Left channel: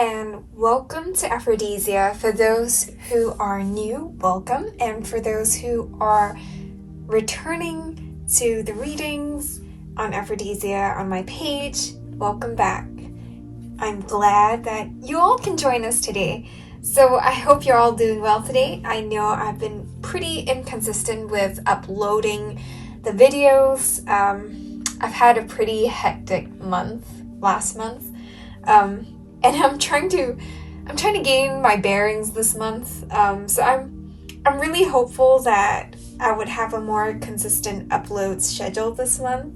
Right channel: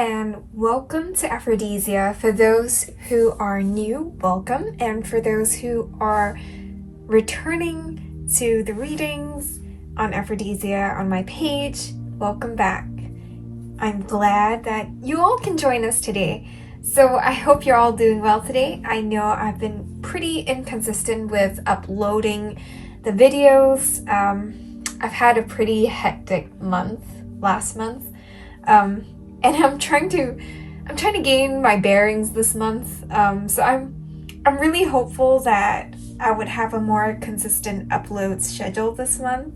and welcome to Aphrodisia. For those who are new, welcome, and for those who are returning to the readings on Aphrodisia on my page, welcome back. I'm glad that you all can join us today. So I hope you're all doing well today. I know I've been pretty inconsistent with uploading the videos. I've had a pretty hectic month last month. And I'm trying to gain my bearings this month. So I'm really hopeful that I would have a more consistent upload schedule this month.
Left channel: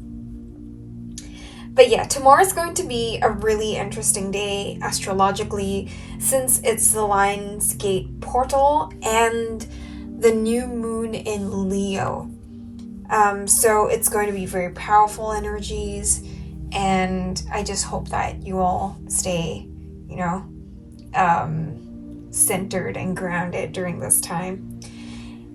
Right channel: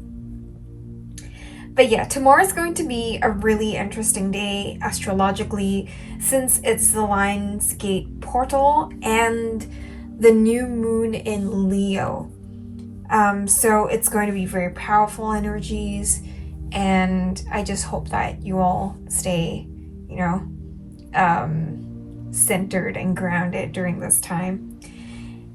But yeah, tomorrow's going to be a really interesting day astrologically, since it's the Lionsgate portal and the new moon in Leo. So it's going to be very powerful energies, and I just hope that you all stay centered and grounded during this time.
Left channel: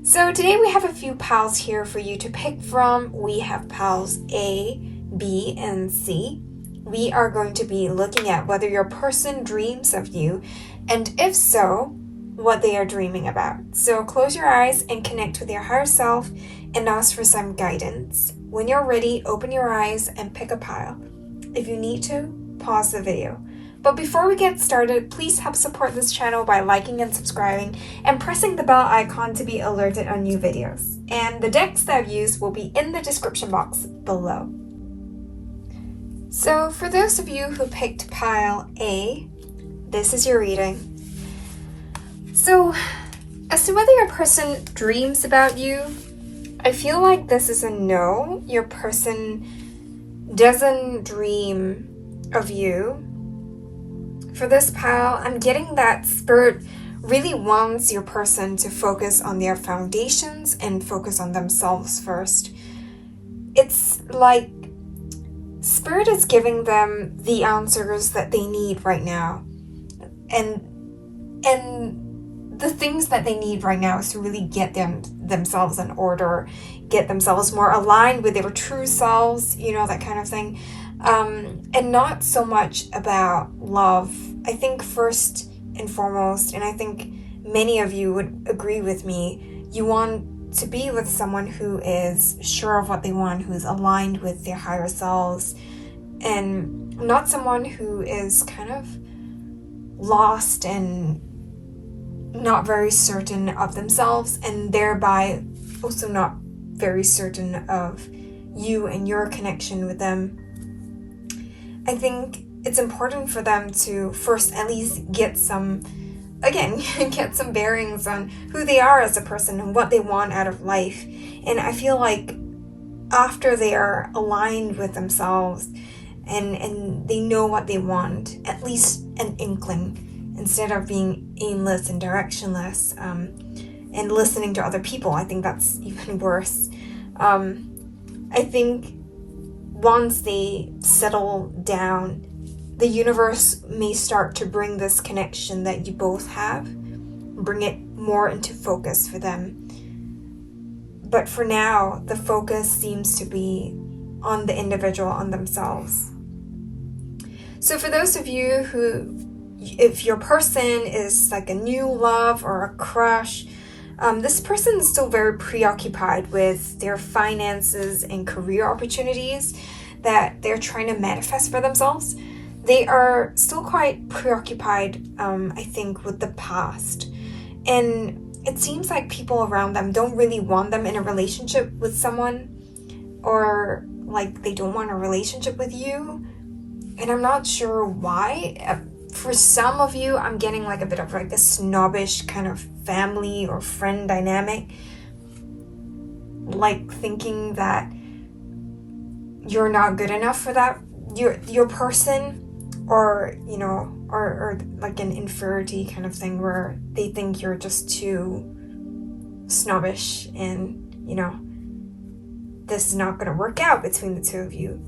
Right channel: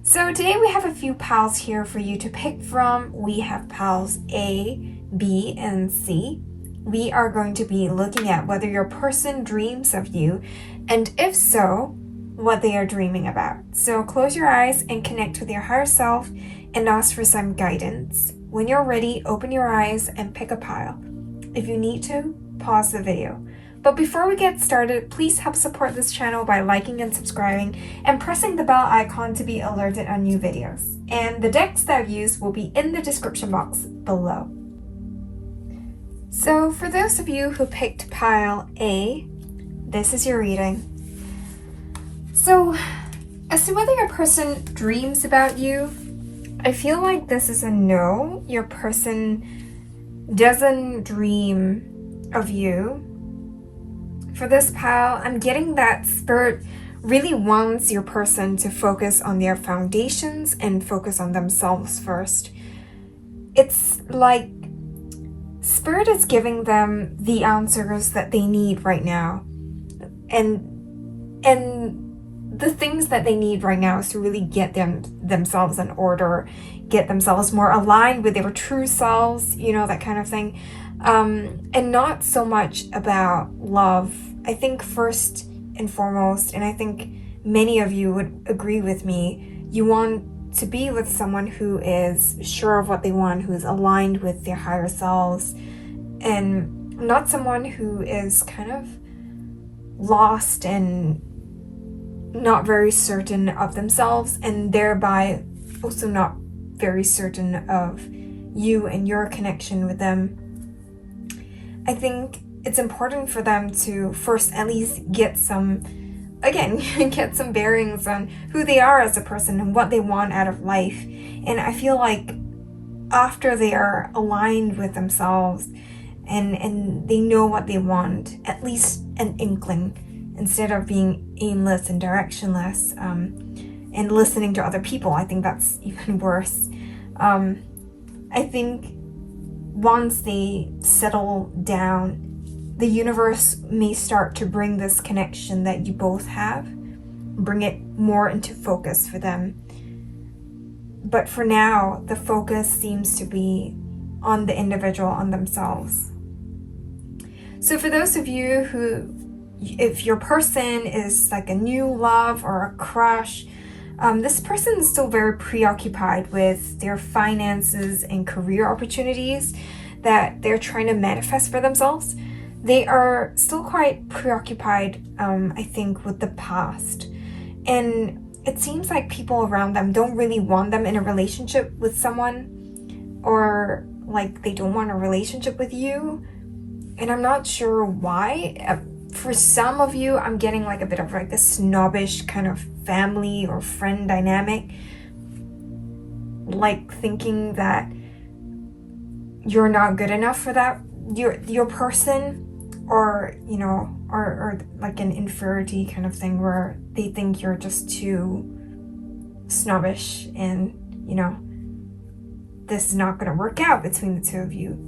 So today we have a few piles here for you to pick from. We have piles A, B, and C. We are going to be looking at whether your person dreams of you, and if so, what they are dreaming about. So close your eyes and connect with your higher self and ask for some guidance. When you're ready, open your eyes and pick a pile. If you need to, pause the video. But before we get started, please help support this channel by liking and subscribing and pressing the bell icon to be alerted on new videos. And the decks that I've used will be in the description box below. So for those of you who picked pile A, this is your reading. So as to whether your person dreams about you, I feel like this is a no. Your person doesn't dream of you. For this pile, I'm getting that Spirit really wants your person to focus on their foundations and focus on themselves first. It's like Spirit is giving them the answers that they need right now. And the things that they need right now is to really get themselves in order, get themselves more aligned with their true selves, that kind of thing. And not so much about love. I think first and foremost, and I think many of you would agree with me, you want to be with someone who is sure of what they want, who is aligned with their higher selves, and not someone who is kind of lost and not very certain of themselves, and thereby also not very certain of you and your connection with them. I think it's important for them to first at least get some bearings on who they are as a person and what they want out of life. And I feel like after they are aligned with themselves and they know what they want, at least an inkling, instead of being aimless and directionless, and listening to other people. I think that's even worse. I think once they settle down, the universe may start to bring this connection that you both have, bring it more into focus for them. But for now, the focus seems to be on the individual, on themselves. So for those of you who, if your person is like a new love or a crush, this person is still very preoccupied with their finances and career opportunities that they're trying to manifest for themselves. They are still quite preoccupied, I think, with the past. And it seems like people around them don't really want them in a relationship with someone, or like they don't want a relationship with you. And I'm not sure why. For some of you, I'm getting like a bit of like a snobbish kind of family or friend dynamic, like thinking that you're not good enough for that, your person, or or like an inferiority kind of thing where they think you're just too snobbish and this is not going to work out between the two of you.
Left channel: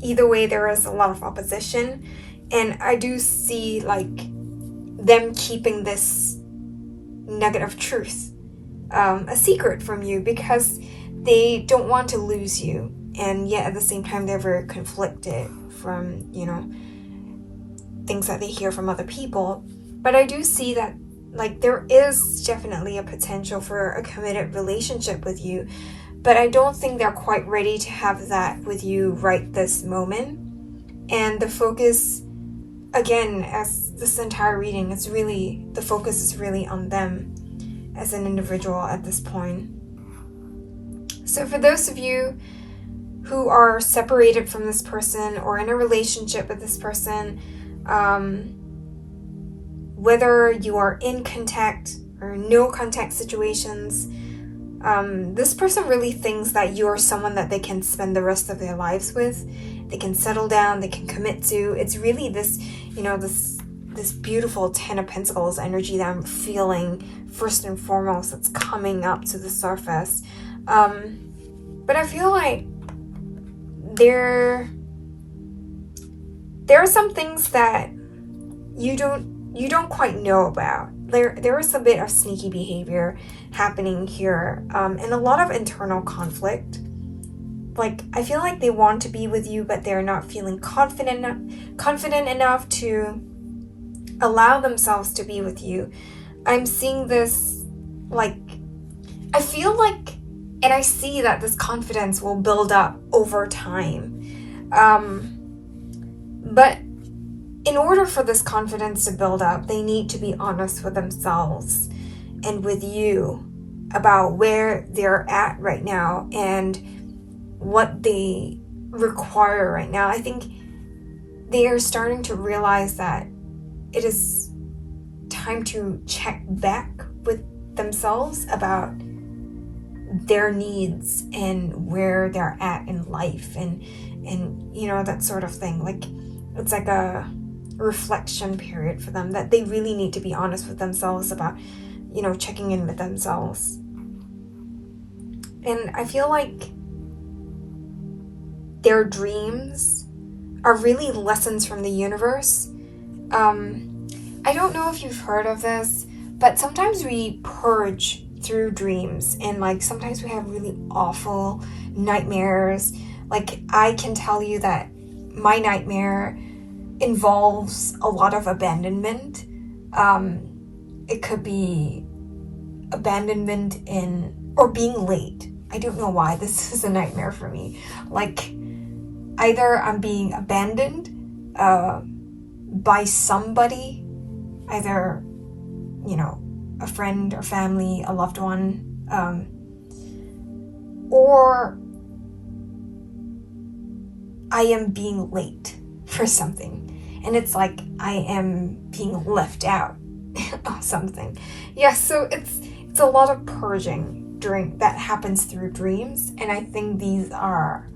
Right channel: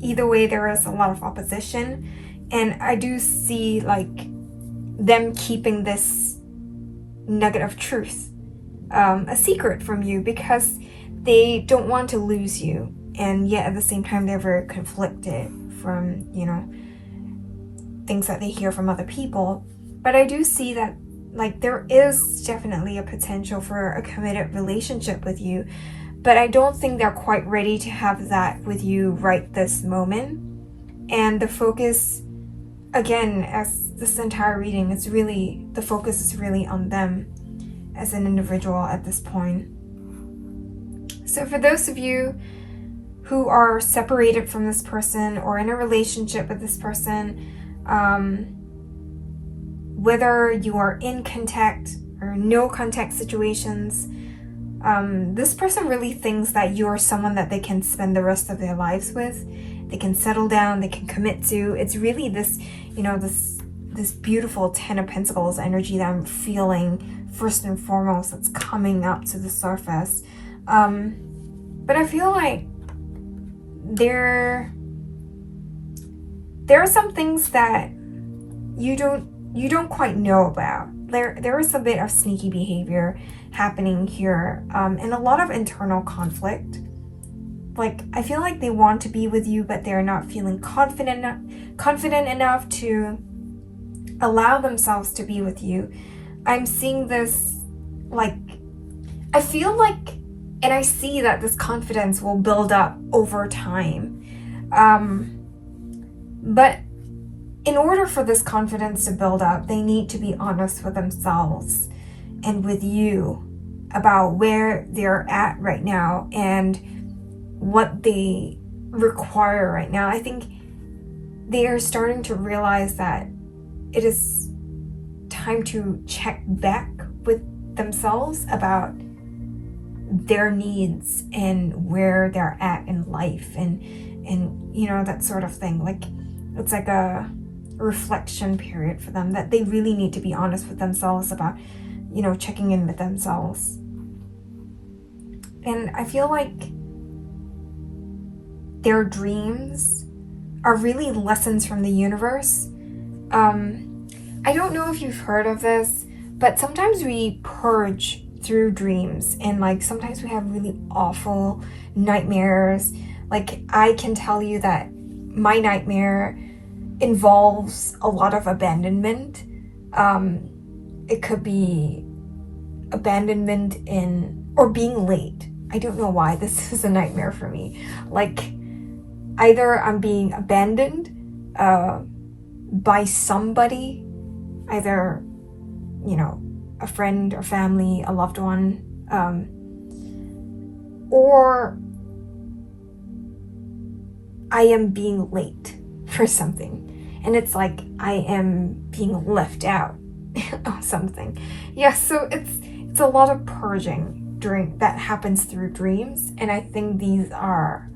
Either way, there is a lot of opposition, and I do see like them keeping this nugget of truth a secret from you, because they don't want to lose you, and yet at the same time they're very conflicted from things that they hear from other people. But I do see that like there is definitely a potential for a committed relationship with you, but I don't think they're quite ready to have that with you right this moment. And the focus, again, as this entire reading, the focus is really on them as an individual at this point. So for those of you who are separated from this person or in a relationship with this person, whether you are in contact or no contact situations, this person really thinks that you are someone that they can spend the rest of their lives with. They can settle down, they can commit to. It's really this, this beautiful Ten of Pentacles energy that I'm feeling first and foremost that's coming up to the surface. But I feel like there are some things that you don't quite know about. There is a bit of sneaky behavior happening here, and a lot of internal conflict. Like, I feel like they want to be with you, but they're not feeling confident enough to allow themselves to be with you. I'm seeing this, like, I feel like, and I see that this confidence will build up over time. But in order for this confidence to build up, they need to be honest with themselves and with you about where they're at right now and what they require right now. I think they are starting to realize that it is time to check back with themselves about their needs and where they're at in life and that sort of thing. Like, it's like a reflection period for them that they really need to be honest with themselves about, checking in with themselves. And I feel like their dreams are really lessons from the universe. I don't know if you've heard of this, but sometimes we purge through dreams, and like sometimes we have really awful nightmares. Like, I can tell you that my nightmare involves a lot of abandonment. It could be abandonment or being late. I don't know why this is a nightmare for me. Like, either I'm being abandoned by somebody, either, a friend or family, a loved one, or I am being late for something. And it's like I am being left out of something. Yeah, so it's a lot of purging that happens through dreams. And I think these are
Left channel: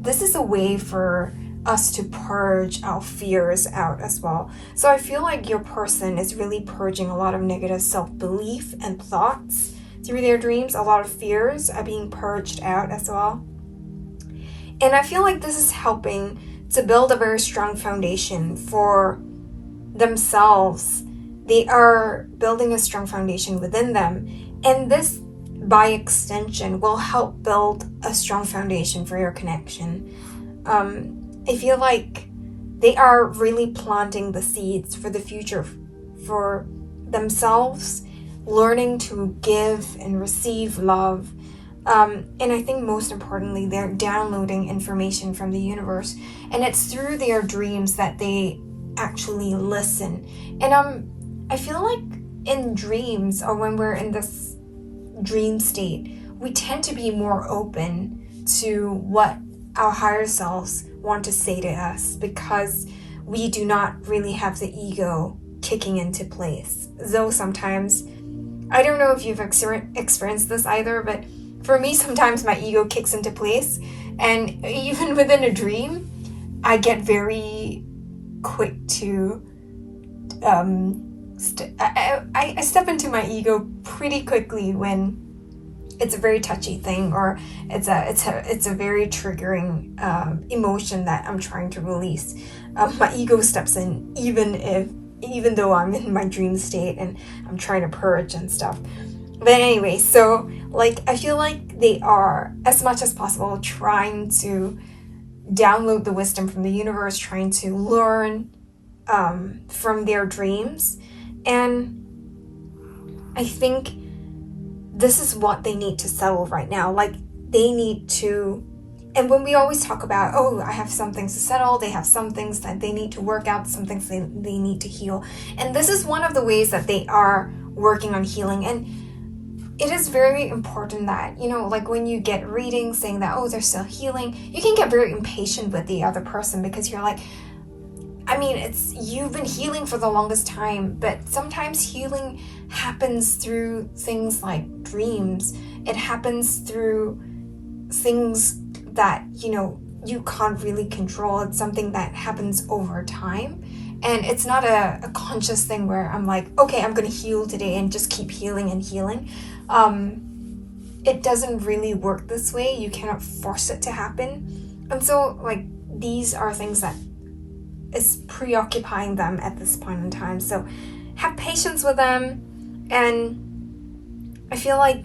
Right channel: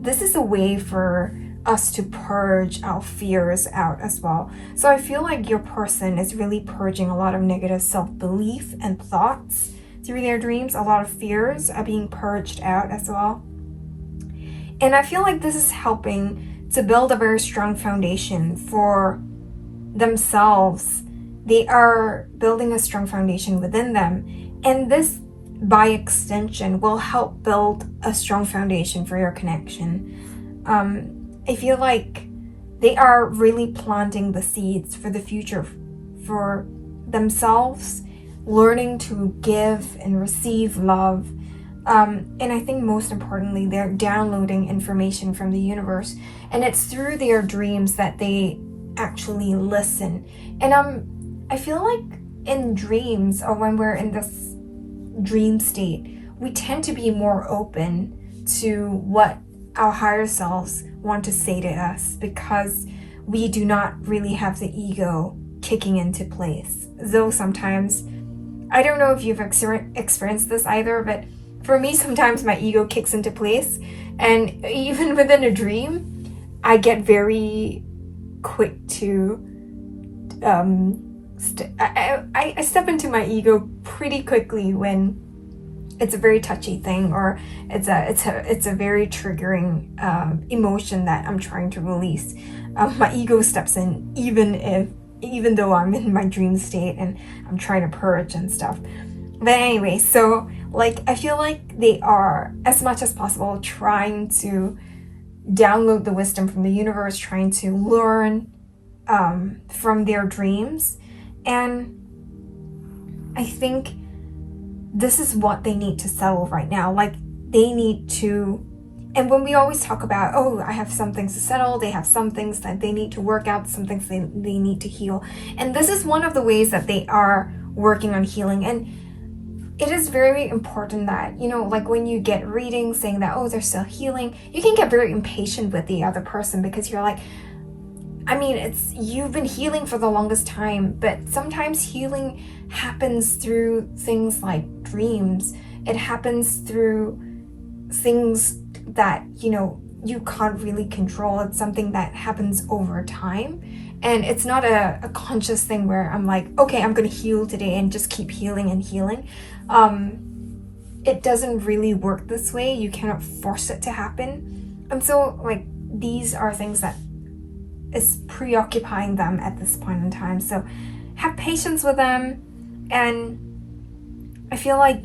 this is a way for us to purge our fears out as well. So I feel like your person is really purging a lot of negative self-belief and thoughts through their dreams. A lot of fears are being purged out as well. And I feel like this is helping to build a very strong foundation for themselves. They are building a strong foundation within them. And this, by extension, will help build a strong foundation for your connection. I feel like they are really planting the seeds for the future for themselves, learning to give and receive love. And I think most importantly, they're downloading information from the universe. And it's through their dreams that they actually listen. And I feel like in dreams, or when we're in this dream state, we tend to be more open to what our higher selves want to say to us, because we do not really have the ego kicking into place. Though sometimes, I don't know if you've experienced this either, but for me, sometimes my ego kicks into place, and even within a dream, I get very quick to I step into my ego pretty quickly when it's a very touchy thing, or it's a very triggering emotion that I'm trying to release. My ego steps in even though I'm in my dream state and I'm trying to purge and stuff. But anyway, so like I feel like they are, as much as possible, trying to download the wisdom from the universe, trying to learn from their dreams. And I think this is what they need to settle right now. Like, they need to, and when we always talk about, oh, I have some things to settle, they have some things that they need to work out, some things they need to heal. And this is one of the ways that they are working on healing. And it is very important that, like when you get readings saying that, oh, they're still healing, you can get very impatient with the other person, because you're like, you've been healing for the longest time, but sometimes healing happens through things like dreams. It happens through things that, you can't really control. It's something that happens over time. And it's not a conscious thing where I'm like, okay, I'm going to heal today and just keep healing and healing. It doesn't really work this way. You cannot force it to happen. And so, like, these are things that is preoccupying them at this point in time. So have patience with them. And I feel like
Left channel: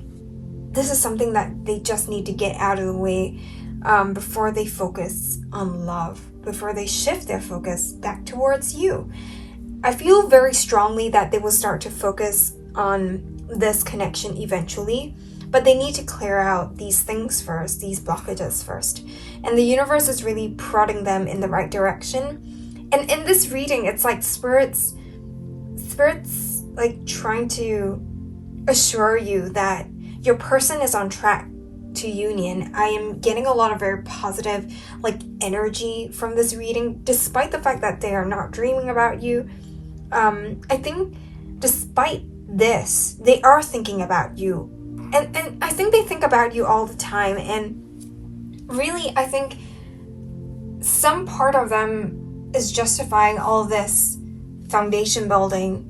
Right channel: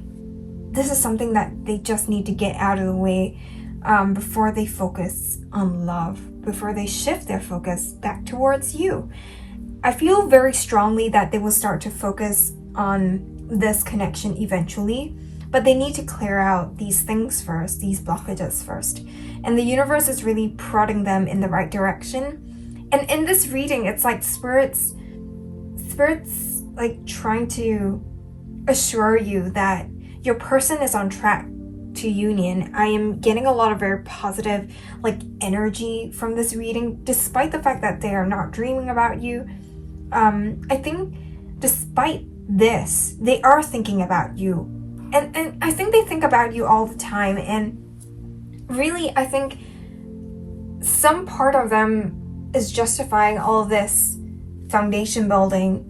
this is something that they just need to get out of the way before they focus on love, before they shift their focus back towards you. I feel very strongly that they will start to focus on this connection eventually, but they need to clear out these things first, these blockages first. And the universe is really prodding them in the right direction. And in this reading, it's like spirits like trying to assure you that your person is on track to union. I am getting a lot of very positive energy from this reading, despite the fact that they are not dreaming about you. I think despite this, they are thinking about you. And I think they think about you all the time. And really, I think some part of them is justifying all this foundation building,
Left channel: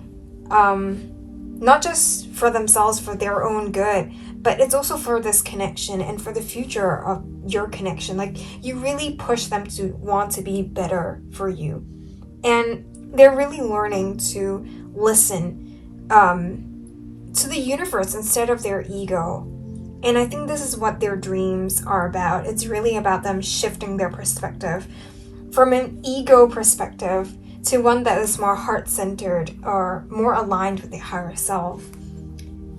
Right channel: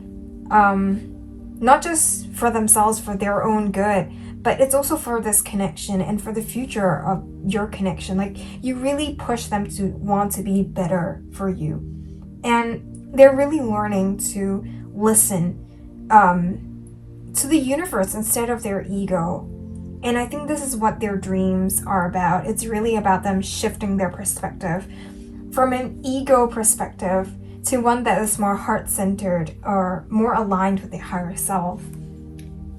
not just for themselves, for their own good, but it's also for this connection and for the future of your connection. Like, you really push them to want to be better for you. And they're really learning to listen to the universe instead of their ego. And I think this is what their dreams are about. It's really about them shifting their perspective from an ego perspective to one that is more heart-centered or more aligned with their higher self.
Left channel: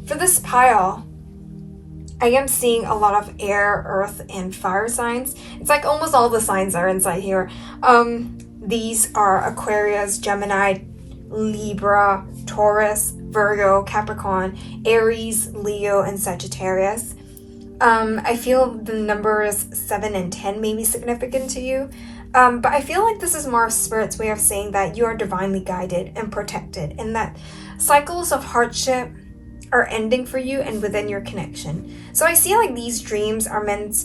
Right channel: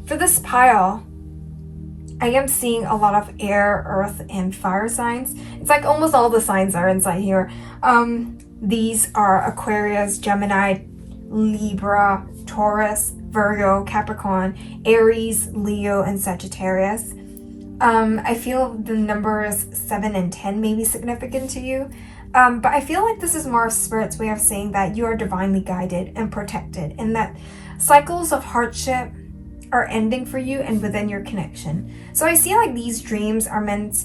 For this pile, I am seeing a lot of air, earth, and fire signs. It's like almost all the signs are inside here. These are Aquarius, Gemini, Libra, Taurus, Virgo, Capricorn, Aries, Leo, and Sagittarius. I feel the numbers 7 and 10 may be significant to you. But I feel like this is more of Spirit's way of saying that you are divinely guided and protected, and that cycles of hardship are ending for you and within your connection. So I see like these dreams are meant,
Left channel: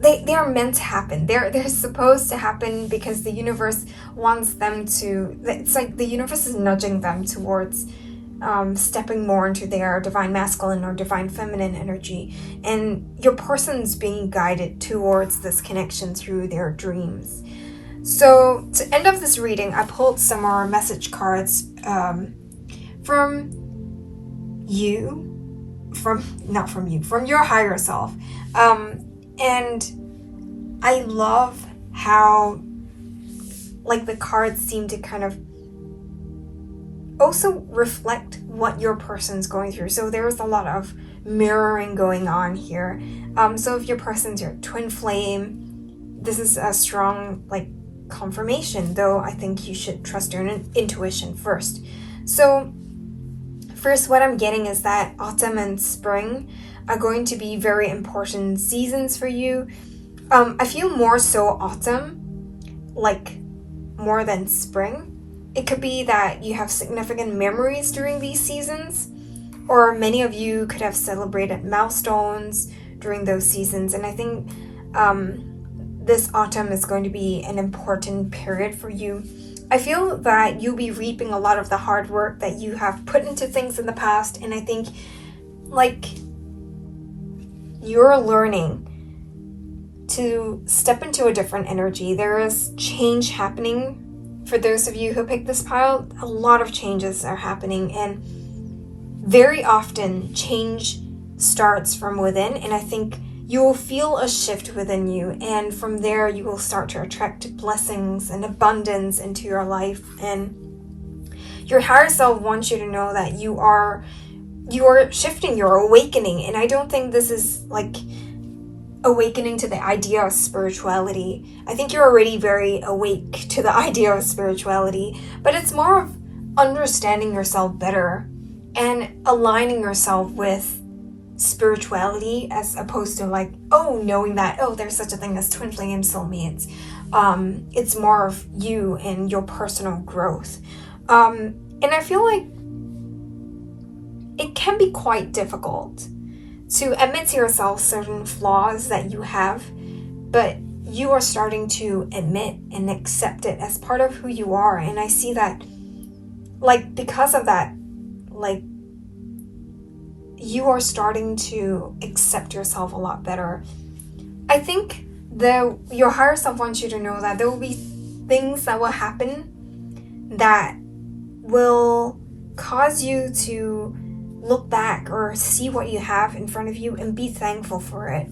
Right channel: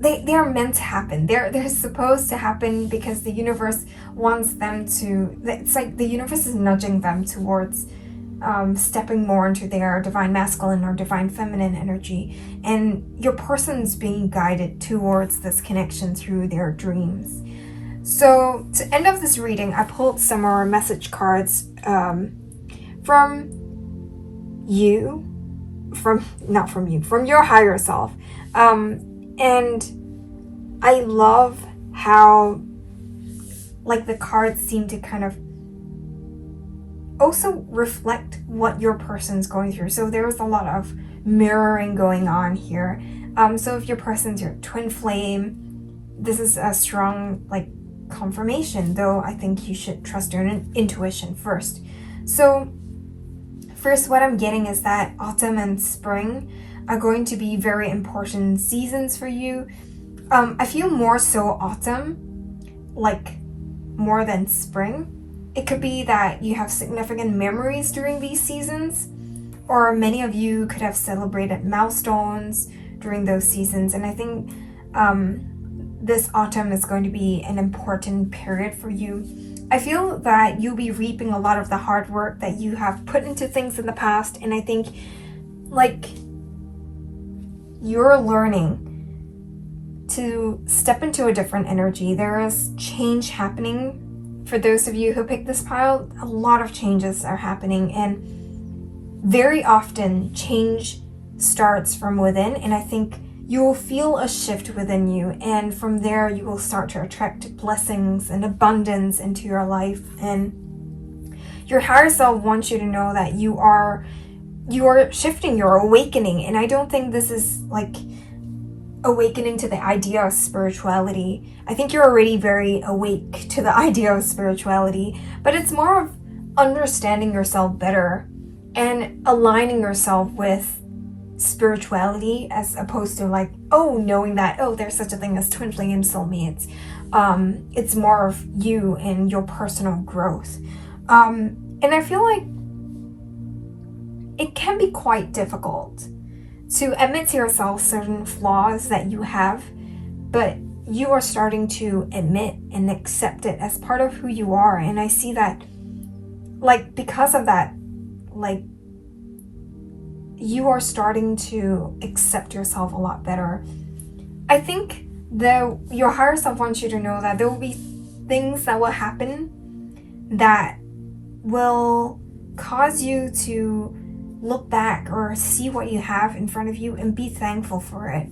they are meant to happen. They're supposed to happen because the universe wants them to. It's like the universe is nudging them towards stepping more into their divine masculine or divine feminine energy, and your person's being guided towards this connection through their dreams. So to end off this reading, I pulled some more message cards from your higher self. And I love how the cards seem to kind of also reflect what your person's going through. So there's a lot of mirroring going on here. So if your person's your twin flame, this is a strong confirmation, though I think you should trust your intuition first. So first, what I'm getting is that autumn and spring are going to be very important seasons for you. I feel more so autumn, more than spring. It could be that you have significant memories during these seasons, or many of you could have celebrated milestones during those seasons. And I think this autumn is going to be an important period for you. I feel that you'll be reaping a lot of the hard work that you have put into things in the past. And I think you're learning to step into a different energy. There is change happening. For those of you who picked this pile, a lot of changes are happening, and very often change starts from within, and I think you will feel a shift within you, and from there you will start to attract blessings and abundance into your life. And your higher self wants you to know that you are shifting, you're awakening. And I don't think this is like awakening to the idea of spirituality. I think you're already very awake to the idea of spirituality, but it's more of understanding yourself better and aligning yourself with spirituality, as opposed to like, knowing that, there's such a thing as twin flame soulmates. It's more of you and your personal growth. And I feel like it can be quite difficult to admit to yourself certain flaws that you have, but you are starting to admit and accept it as part of who you are. And I see that, like, because of that, like, you are starting to accept yourself a lot better. I think that your higher self wants you to know that there will be things that will happen that will cause you to look back or see what you have in front of you and be thankful for it.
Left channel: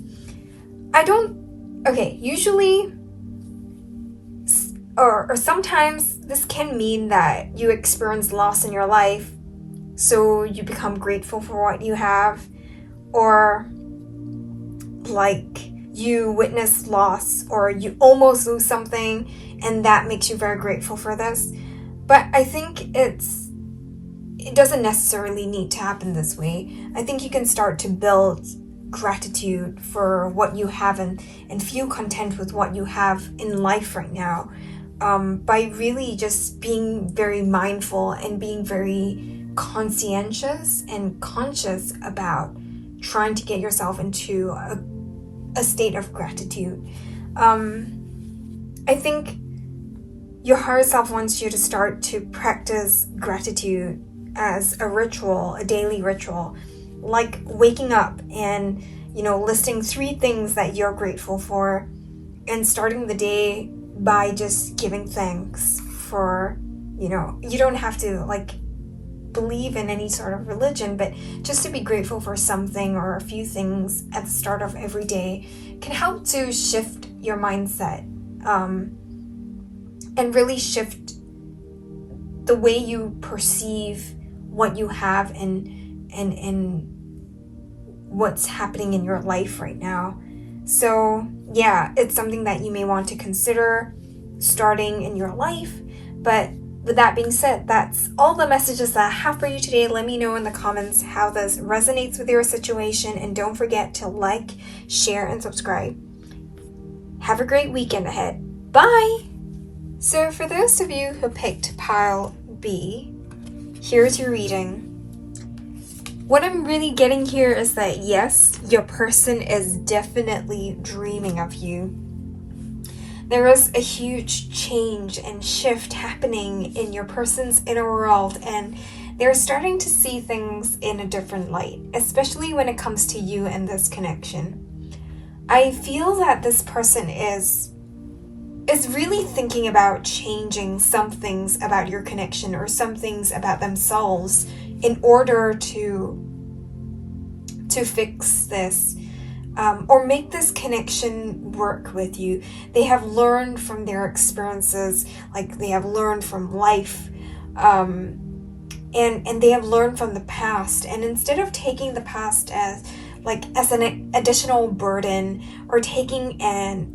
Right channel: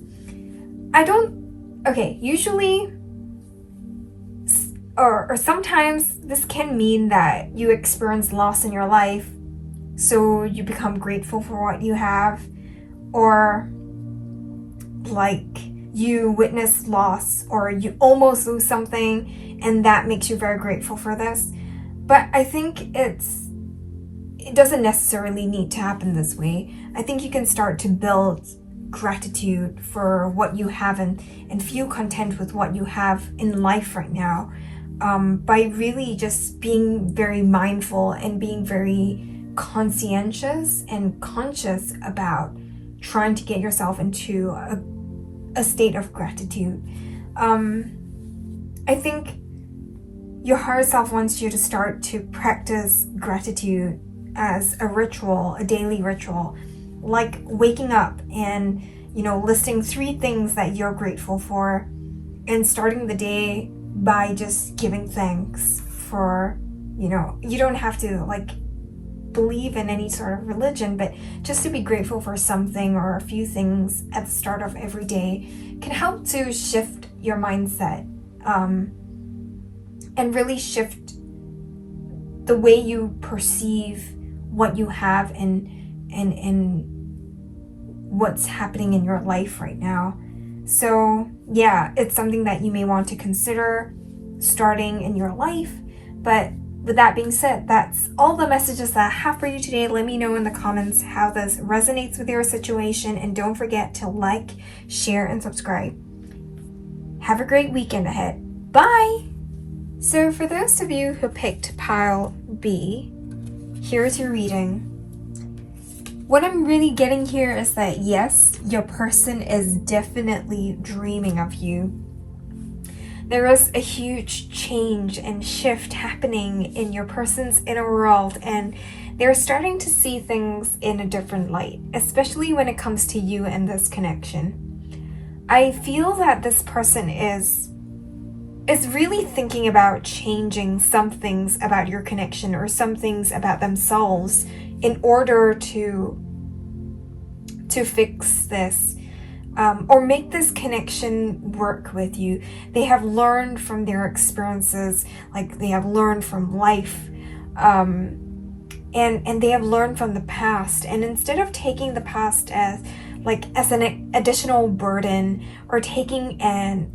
Usually, or sometimes this can mean that you experience loss in your life, so you become grateful for what you have, or like you witness loss or you almost lose something and that makes you very grateful for this. But I think it doesn't necessarily need to happen this way. I think you can start to build gratitude for what you have and feel content with what you have in life right now, by really just being very mindful and being very conscientious and conscious about trying to get yourself into a state of gratitude. I think your higher self wants you to start to practice gratitude as a ritual, a daily ritual, like waking up and, listing 3 things that you're grateful for and starting the day by just giving thanks for, you don't have to like believe in any sort of religion, but just to be grateful for something or a few things at the start of every day can help to shift your mindset, and really shift the way you perceive what you have and what's happening in your life right now. So yeah, it's something that you may want to consider starting in your life. But with that being said, that's all the messages that I have for you today. Let me know in the comments how this resonates with your situation, and don't forget to like, share, and subscribe. Have a great weekend ahead. Bye! So for those of you who picked pile B, here's your reading. What I'm really getting here is that yes, your person is definitely dreaming of you. There is a huge change and shift happening in your person's inner world, and they're starting to see things in a different light, especially when it comes to you and this connection. I feel that this person is really thinking about changing some things about your connection or some things about themselves in order to fix this. Or make this connection work with you. They have learned from their experiences, like they have learned from life, and they have learned from the past. And instead of taking the past as an additional burden, or taking on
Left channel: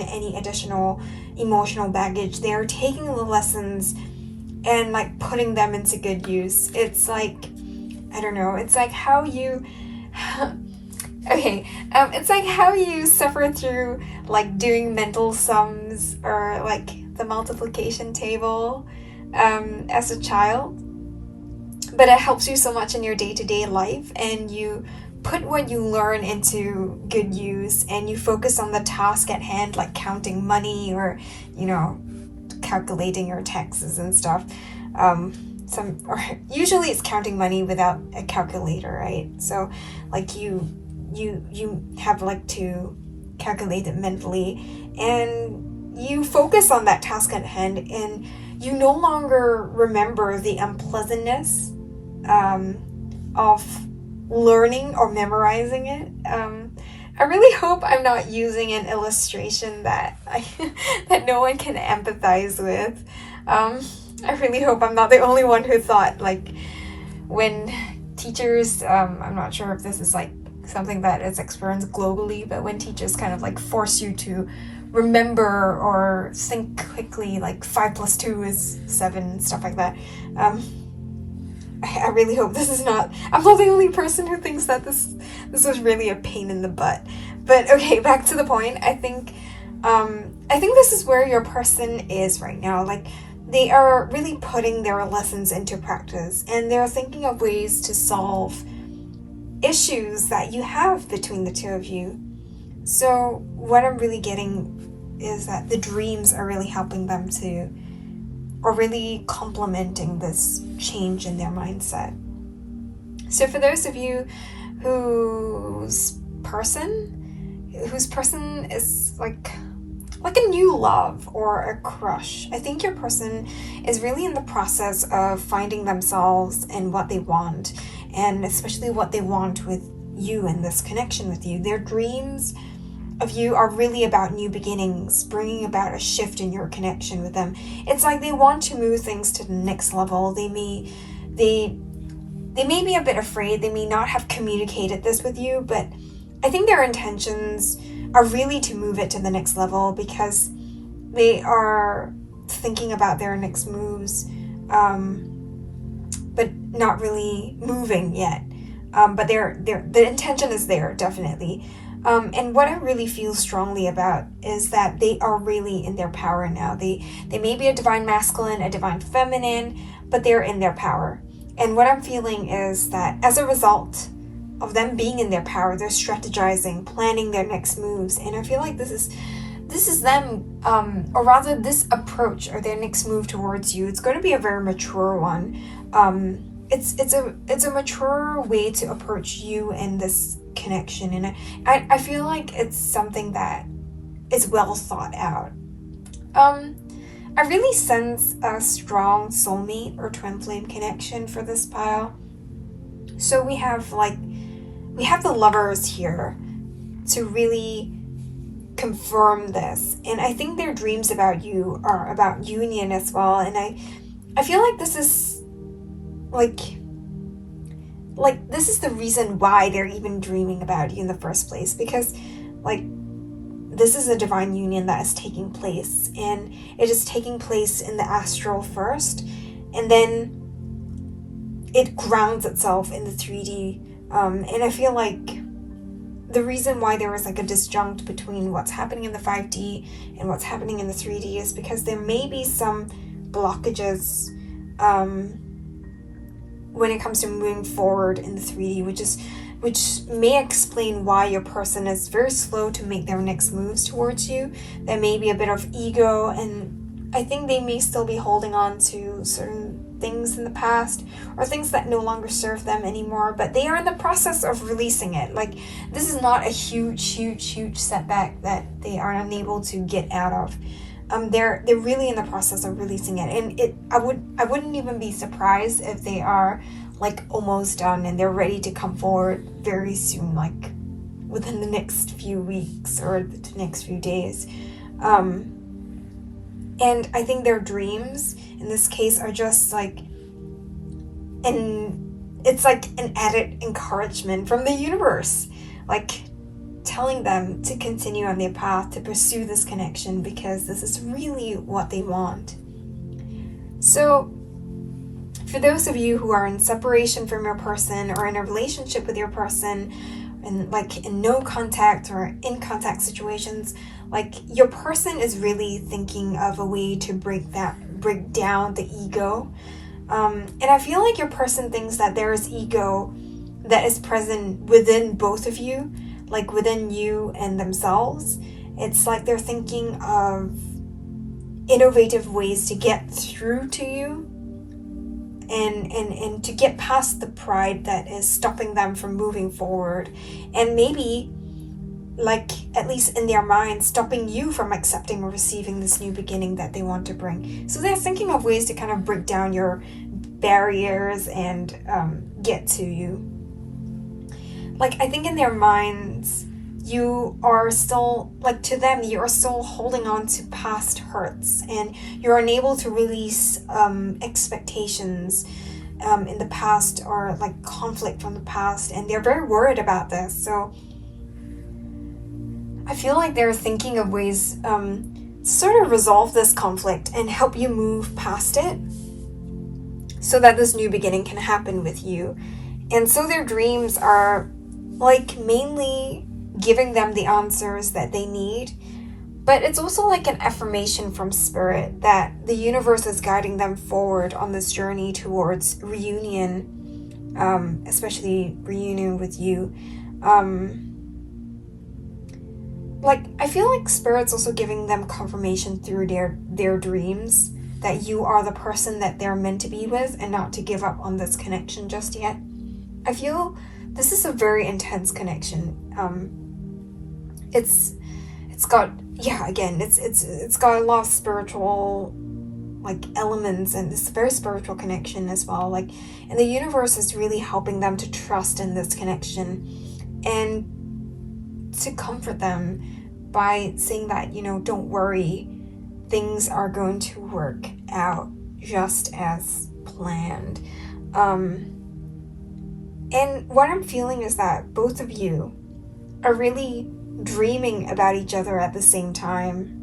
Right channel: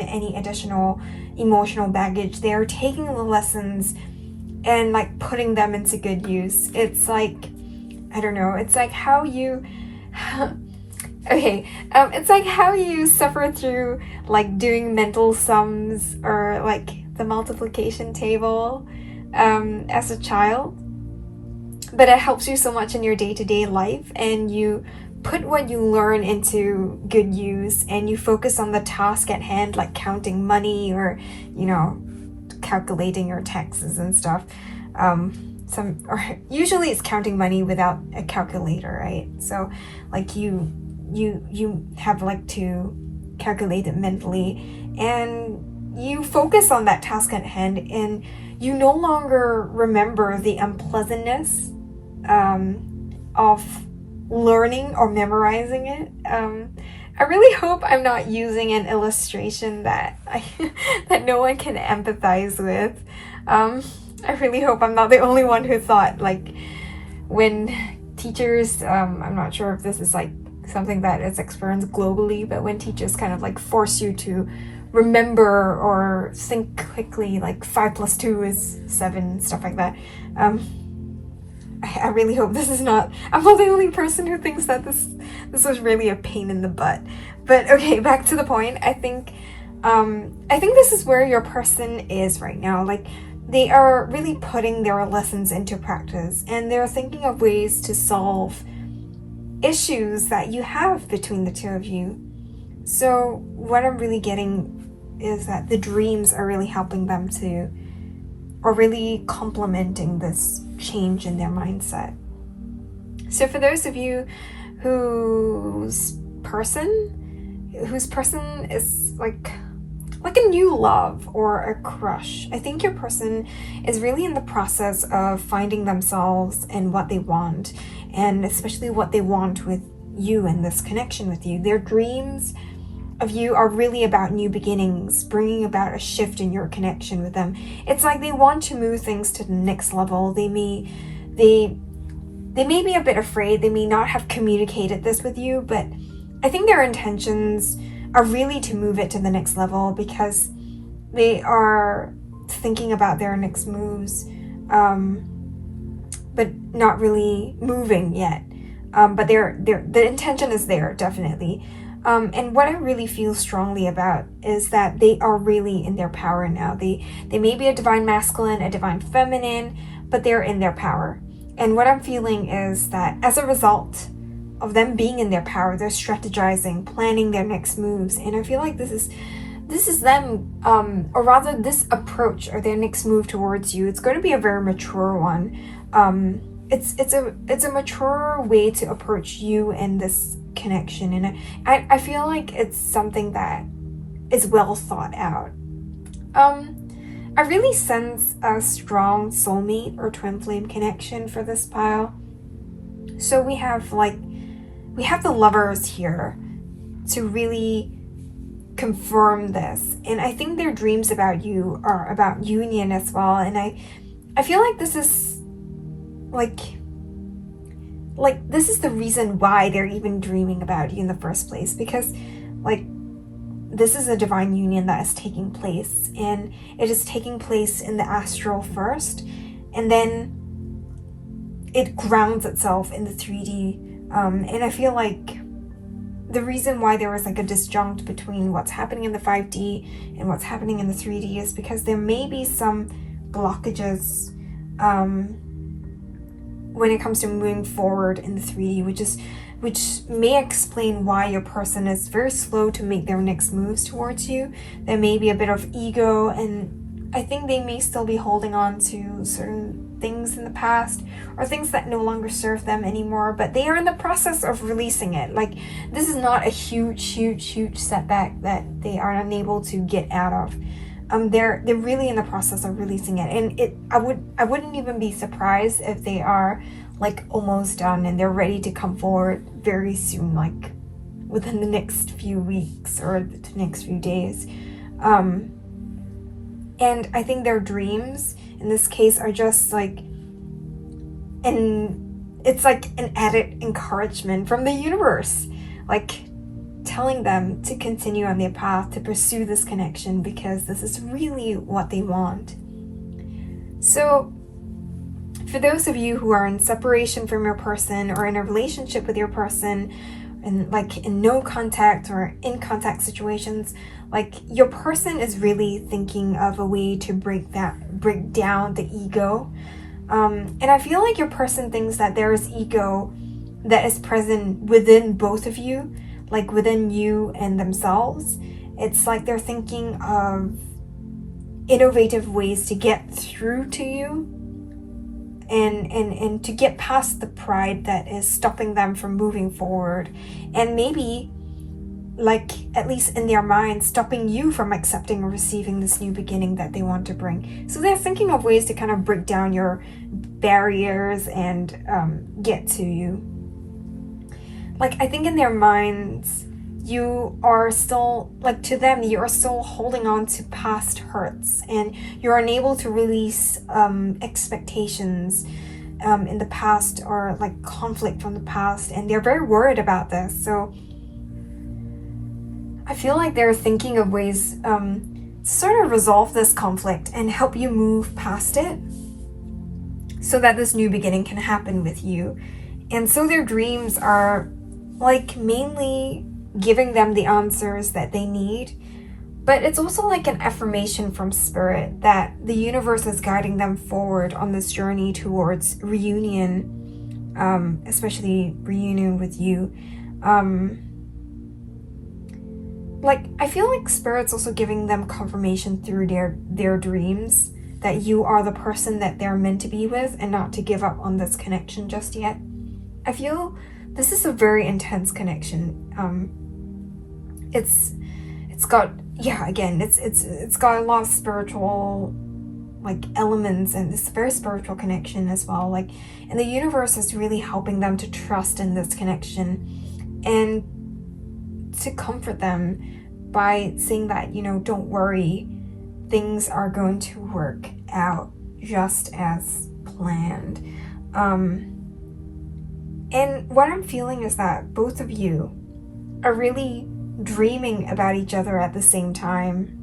any additional emotional baggage, they are taking the lessons and like putting them into good use. It's like, I don't know, it's like how you it's like how you suffer through like doing mental sums or like the multiplication table as a child, but it helps you so much in your day-to-day life, and you put what you learn into good use, and you focus on the task at hand, like counting money or calculating your taxes and stuff. Usually it's counting money without a calculator, right? So like you have like to calculate it mentally, and you focus on that task at hand, and you no longer remember the unpleasantness of learning or memorizing it. I really hope I'm not using an illustration that that no one can empathize with. I really hope I'm not the only one who thought, like, when teachers, I'm not sure if this is like something that is experienced globally, but when teachers kind of like force you to remember or think quickly, like 5 + 2 is 7, stuff like that. I really hope this is not, I'm not the only person who thinks that this was really a pain in the butt. But okay, back to the point. I think this is where your person is right now. Like, they are really putting their lessons into practice, and they're thinking of ways to solve issues that you have between the two of you. So what I'm really getting is that the dreams are really helping them to, or really complementing this change in their mindset. So for those of you whose person is like a new love or a crush, I think your person is really in the process of finding themselves and what they want, and especially what they want with you and this connection with you. Their dreams of you are really about new beginnings, bringing about a shift in your connection with them. It's like they want to move things to the next level. They may be a bit afraid. They may not have communicated this with you, but I think their intentions are really to move it to the next level, because they are thinking about their next moves, but not really moving yet. But the intention is there, definitely. And what I really feel strongly about is that they are really in their power now. They may be a divine masculine, a divine feminine, but they're in their power. And what I'm feeling is that as a result of them being in their power, they're strategizing, planning their next moves. And I feel like this is them, or rather this approach or their next move towards you. It's going to be a very mature one. It's a mature way to approach you and this connection, and I feel like it's something that is well thought out. I really sense a strong soulmate or twin flame connection for this pile. So we have the lovers here to really confirm this, and I think their dreams about you are about union as well. And I feel like this is like this is the reason why they're even dreaming about you in the first place, because like this is a divine union that is taking place, and it is taking place in the astral first, and then it grounds itself in the 3D. And I feel like the reason why there was like a disjunct between what's happening in the 5D and what's happening in the 3D is because there may be some blockages when it comes to moving forward in the 3D, which may explain why your person is very slow to make their next moves towards you. There may be a bit of ego, and I think they may still be holding on to certain things in the past or things that no longer serve them anymore, but they are in the process of releasing it. Like, this is not a huge setback that they are unable to get out of. They're really in the process of releasing it, and I wouldn't even be surprised if they are like almost done and they're ready to come forward very soon, like within the next few weeks or the next few days. And I think their dreams in this case are just like, it's like an added encouragement from the universe, like telling them to continue on their path, to pursue this connection, because this is really what they want. So for those of you who are in separation from your person or in a relationship with your person, and like in no contact or in contact situations, like your person is really thinking of a way to break down the ego. And I feel like your person thinks that there is ego that is present within both of you, like within you and themselves. It's like they're thinking of innovative ways to get through to you and to get past the pride that is stopping them from moving forward, and maybe, like, at least in their mind, stopping you from accepting or receiving this new beginning that they want to bring. So they're thinking of ways to kind of break down your barriers and get to you. like, I think in their minds, you are still, like, to them, you are still holding on to past hurts, and you're unable to release expectations in the past, or like conflict from the past, and they're very worried about this. So I feel like they're thinking of ways to sort of resolve this conflict and help you move past it so that this new beginning can happen with you. And so their dreams are like mainly giving them the answers that they need, but it's also like an affirmation from spirit that the universe is guiding them forward on this journey towards reunion, especially reunion with you. Like, I feel like spirit's also giving them confirmation through their dreams that you are the person that they're meant to be with, and not to give up on this connection just yet. I feel this is a very intense connection. It's got, yeah, again, it's got a lot of spiritual like elements, and it's a very spiritual connection as well. Like, and the universe is really helping them to trust in this connection and to comfort them by saying that, you know, don't worry, things are going to work out just as planned. And what I'm feeling is that both of you are really dreaming about each other at the same time.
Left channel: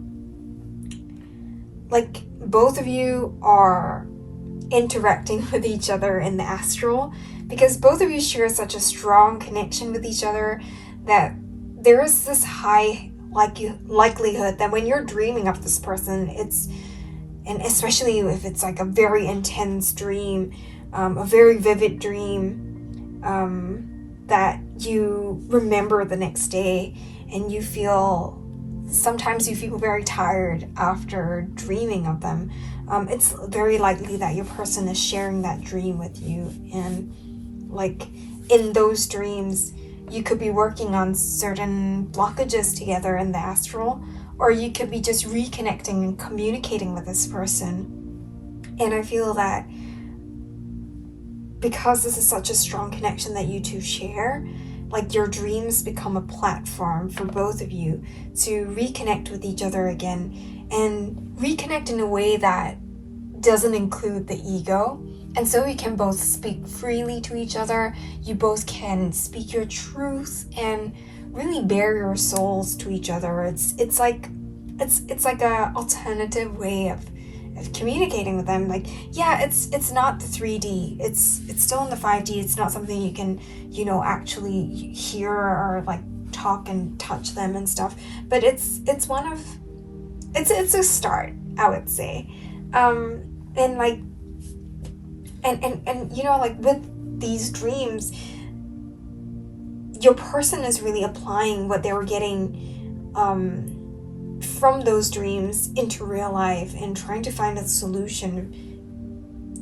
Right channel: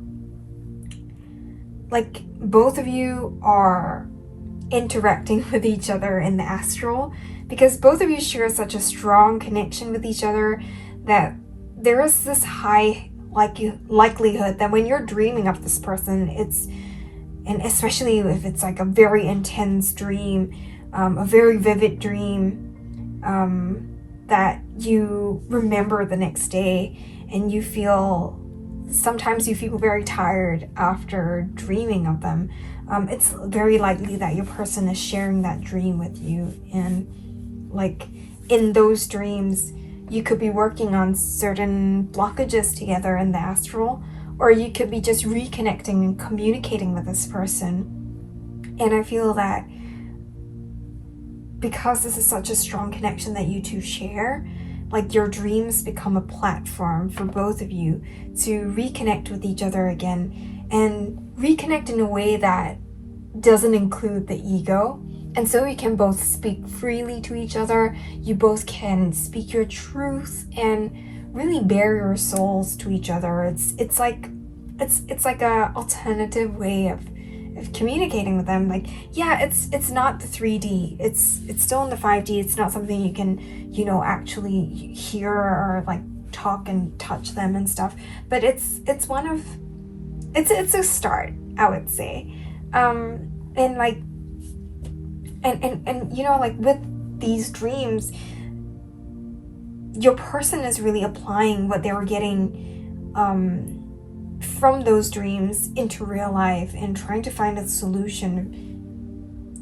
Like, both of you are interacting with each other in the astral, because both of you share such a strong connection with each other that there is this high likelihood that when you're dreaming of this person, and especially if it's like a very intense dream, a very vivid dream, that you remember the next day, and sometimes you feel very tired after dreaming of them. It's very likely that your person is sharing that dream with you, and like in those dreams, you could be working on certain blockages together in the astral, or you could be just reconnecting and communicating with this person. And I feel that because this is such a strong connection that you two share, like, your dreams become a platform for both of you to reconnect with each other again, and reconnect in a way that doesn't include the ego. And so you can both speak freely to each other. You both can speak your truth and really bare your souls to each other. It's like a alternative way of communicating with them. Like, yeah, it's not the 3D. It's still in the 5D. It's not something you can, you know, actually hear or like talk and touch them and stuff. But it's a start, I would say. And like, and you know, like with these dreams, your person is really applying what they were getting from those dreams into real life, and trying to find a solution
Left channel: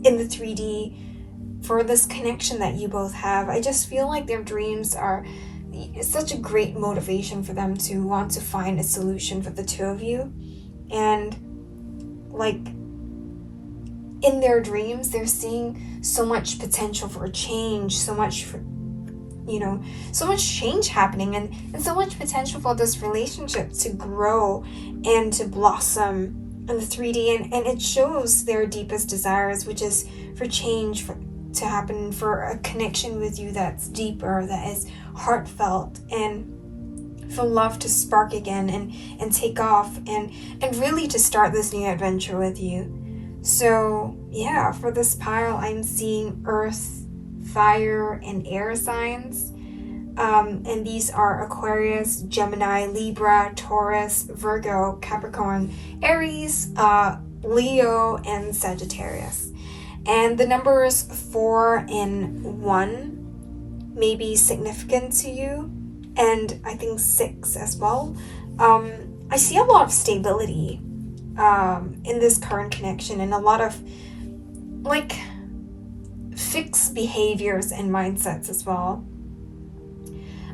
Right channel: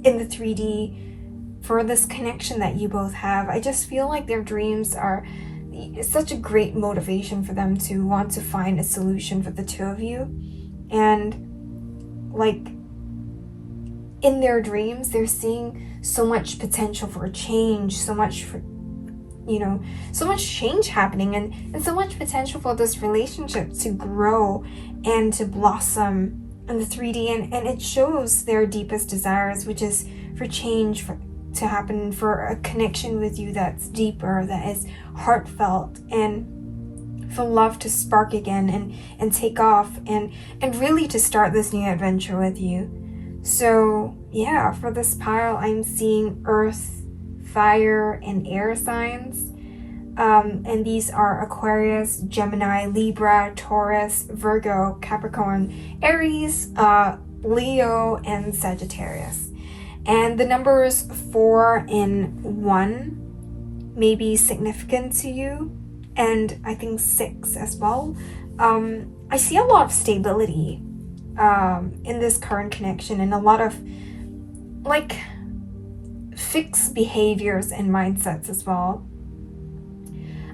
in the 3D for this connection that you both have. I just feel like their dreams are such a great motivation for them to want to find a solution for the two of you. And like, in their dreams, they're seeing so much potential for change, so much change happening, and so much potential for this relationship to grow and to blossom in the 3D. And it shows their deepest desires, which is for change to happen, for a connection with you that's deeper, that is heartfelt, and for love to spark again and take off, and really to start this new adventure with you. So yeah, for this pile, I'm seeing earth, fire, and air signs. And these are Aquarius, Gemini, Libra, Taurus, Virgo, Capricorn, Aries, Leo, and Sagittarius. And the numbers 4 and 1 may be significant to you, and I think 6 as well. I see a lot of stability in this current connection, and a lot of like fixed behaviors and mindsets as well.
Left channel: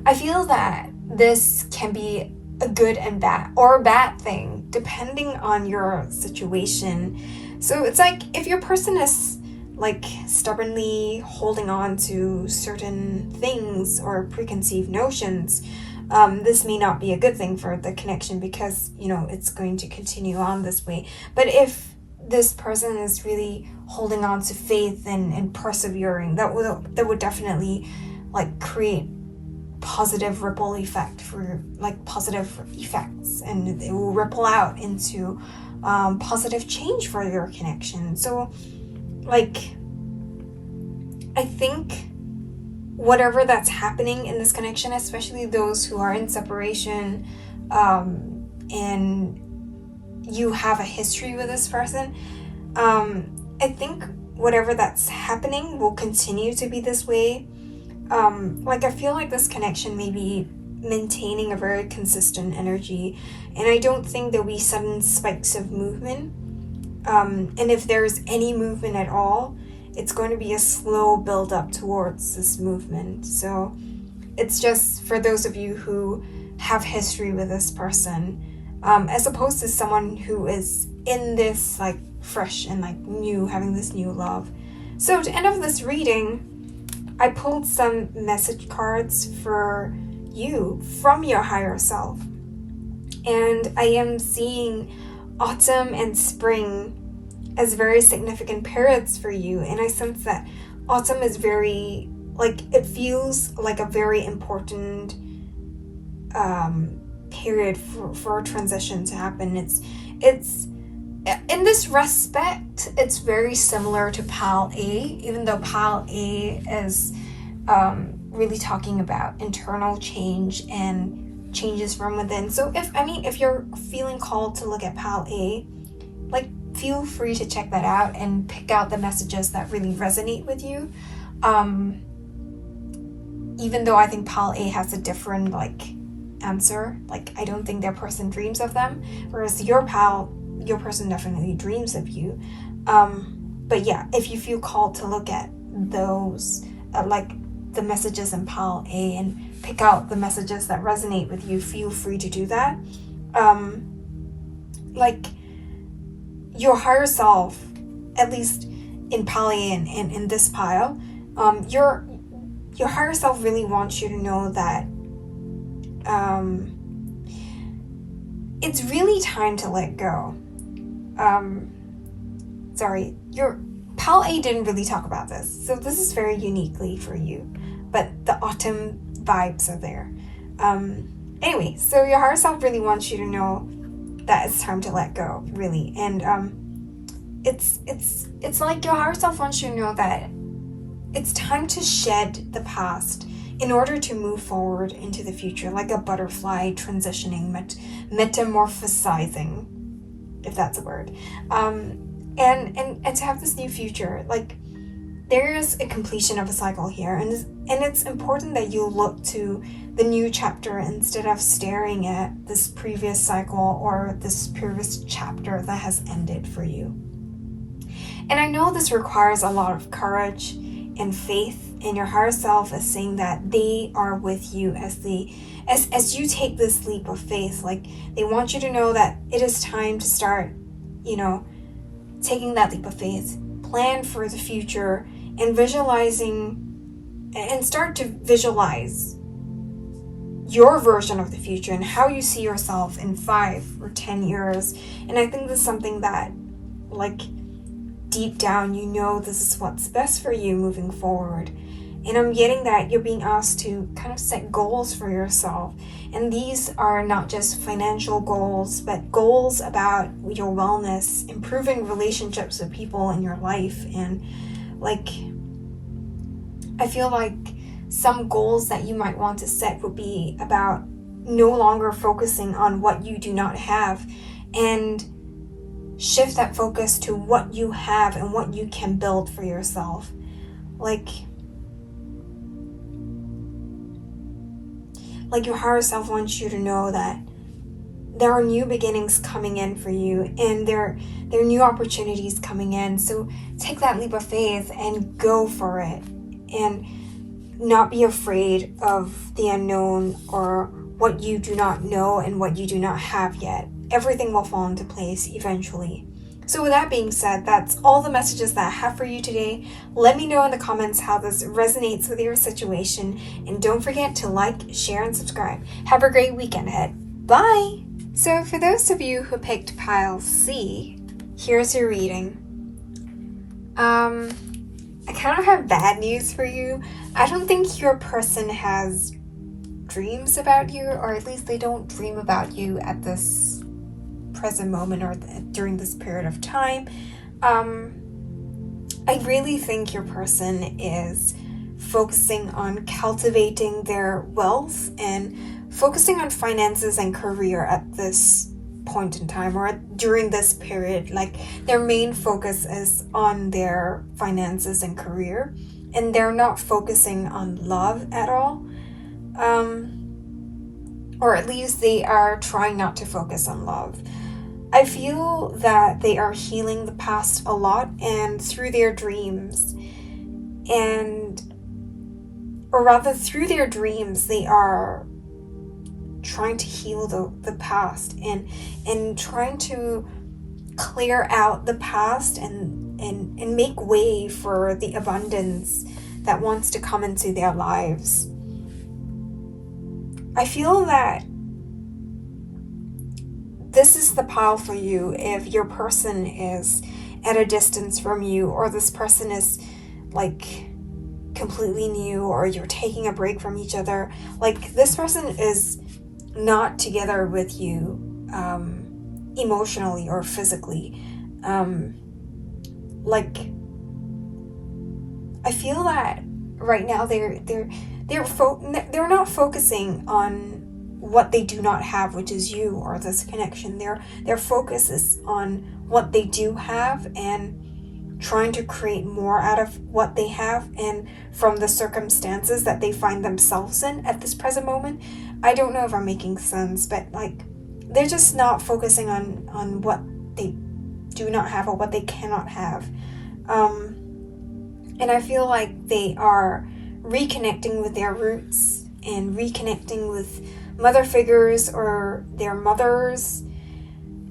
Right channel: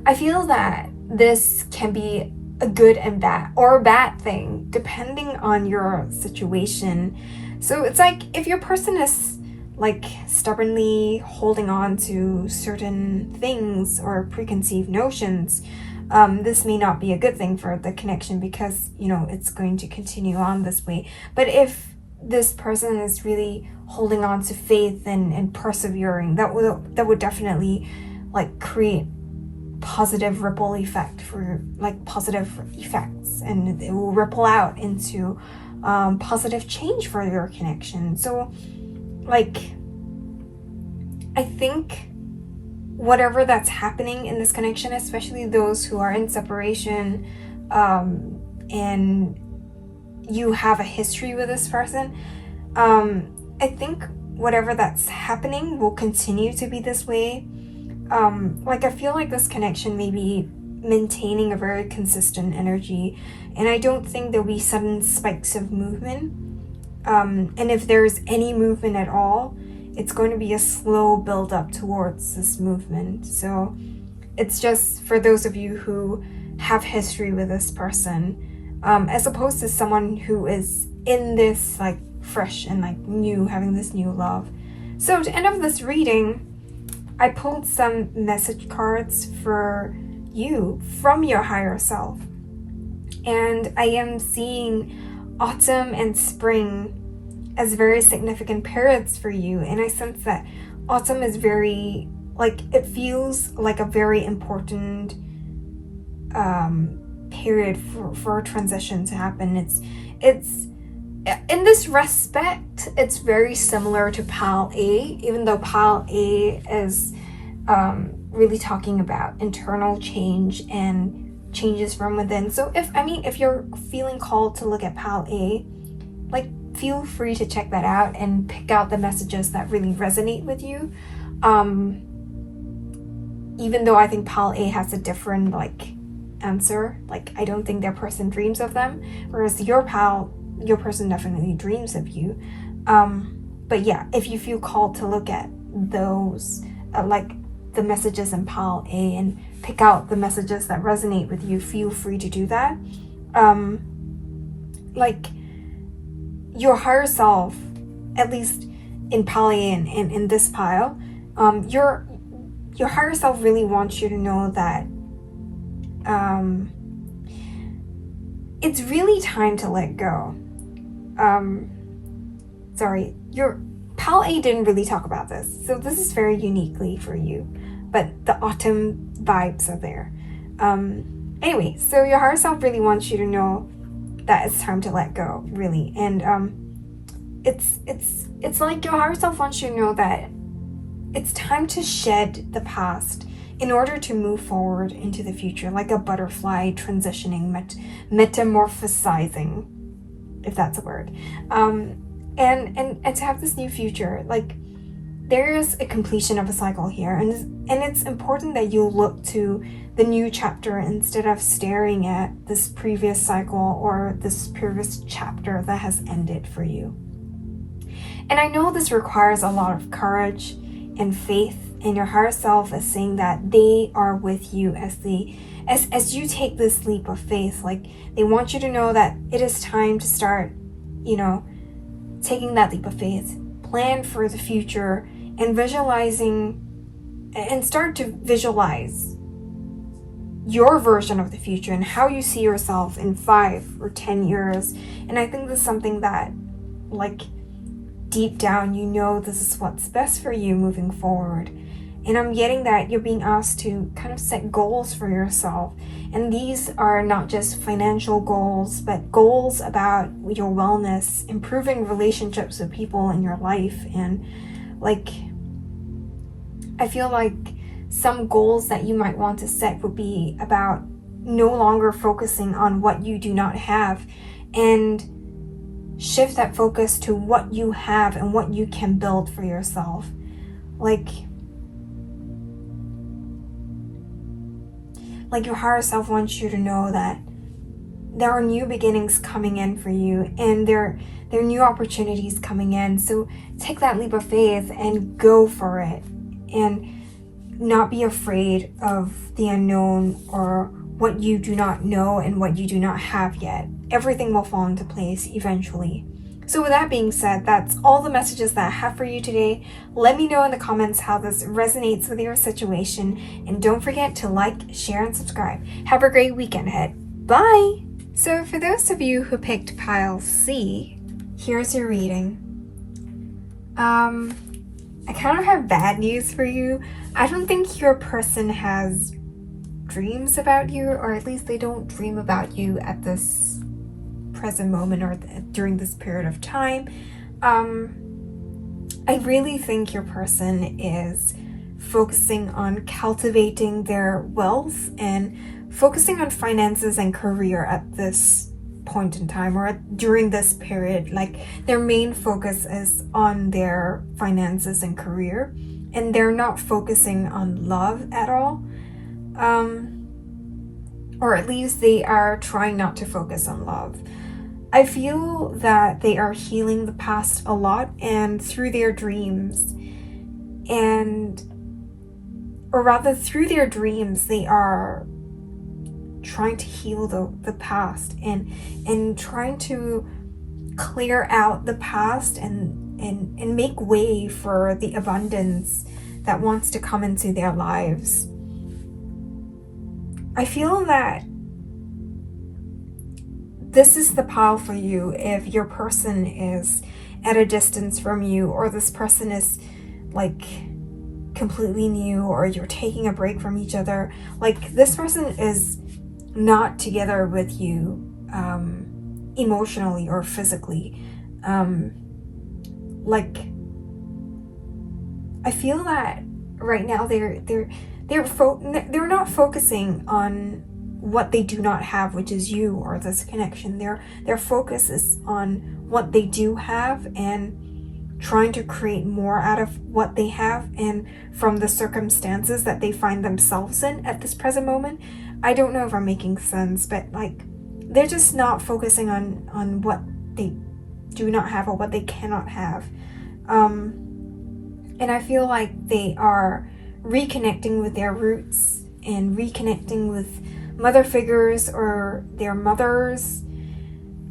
I feel that this can be a good and bad, or a bad thing, depending on your situation. So it's like, if your person is like stubbornly holding on to certain things or preconceived notions, this may not be a good thing for the connection, because, you know, it's going to continue on this way. But if this person is really holding on to faith and persevering, that would definitely like create positive ripple effect for like positive effects, and it will ripple out into positive change for your connection. So like, I think whatever that's happening in this connection, especially those who are in separation, and you have a history with this person, I think whatever that's happening will continue to be this way. Like, I feel like this connection may be maintaining a very consistent energy, and I don't think there'll be sudden spikes of movement. And if there's any movement at all, it's going to be a slow build up towards this movement. So it's just for those of you who have history with this person, as opposed to someone who is in this like fresh and like new, having this new love. So to end of this reading, I pulled some message cards for you from your higher self. And I am seeing autumn and spring as very significant periods for you. And I sense that autumn is very, like, it feels like a very important period for a transition to happen. It's in this respect, it's very similar to Pile A, even though Pile A is really talking about internal change and changes from within. So if you're feeling called to look at Pile A, like, feel free to check that out and pick out the messages that really resonate with you. Even though I think Pile A has a different like answer, like I don't think their person dreams of them, whereas your person definitely dreams of you. But yeah, if you feel called to look at those like the messages in Pile A and pick out the messages that resonate with you, feel free to do that. Like, your higher self, at least in Pile A and in this pile, your higher self really wants you to know that it's really time to let go. Sorry, your Pile A didn't really talk about this, so this is very uniquely for you, but the autumn vibes are there. Anyway, so your higher self really wants you to know that it's time to let go, really. And it's like your higher self wants you to know that it's time to shed the past in order to move forward into the future, like a butterfly transitioning, metamorphosizing, if that's a word. And to have this new future, like, there is a completion of a cycle here, and it's important that you look to the new chapter instead of staring at this previous cycle or this previous chapter that has ended for you. And I know this requires a lot of courage and faith, and your higher self is saying that they are with you as you take this leap of faith. Like, they want you to know that it is time to start, taking that leap of faith, plan for the future, and start to visualize your version of the future and how you see yourself in 5 or 10 years. And I think this is something that, like, deep down, this is what's best for you moving forward. And I'm getting that you're being asked to kind of set goals for yourself. And these are not just financial goals, but goals about your wellness, improving relationships with people in your life. And like, I feel like some goals that you might want to set would be about no longer focusing on what you do not have, and shift that focus to what you have and what you can build for yourself. Like your higher self wants you to know that there are new beginnings coming in for you, and there are new opportunities coming in. So take that leap of faith and go for it, and not be afraid of the unknown or what you do not know and what you do not have yet. Everything will fall into place eventually. So with that being said, that's all the messages that I have for you today. Let me know in the comments how this resonates with your situation. And don't forget to like, share, and subscribe. Have a great weekend ahead. Bye! So for those of you who picked pile C, here's your reading. I kind of have bad news for you. I don't think your person has dreams about you, or at least they don't dream about you at this present moment or during this period of time. I really think your person is focusing on cultivating their wealth and focusing on finances and career at this point in time or during this period. Like their main focus is on their finances and career, and they're not focusing on love at all. Or at least they are trying not to focus on love. I feel that they are healing the past a lot and through their dreams, through their dreams, they are trying to heal the past and trying to clear out the past and make way for the abundance that wants to come into their lives. I feel that this is the pile for you if your person is at a distance from you, or this person is like completely new, or you're taking a break from each other. Like this person is not together with you emotionally or physically. Like I feel that right now they're not focusing on what they do not have, which is you or this connection. Their focus is on what they do have and trying to create more out of what they have and from the circumstances that they find themselves in at this present moment. I don't know if I'm making sense, but like they're just not focusing on what they do not have or what they cannot have. And I feel like they are reconnecting with their roots and reconnecting with mother figures or their mothers,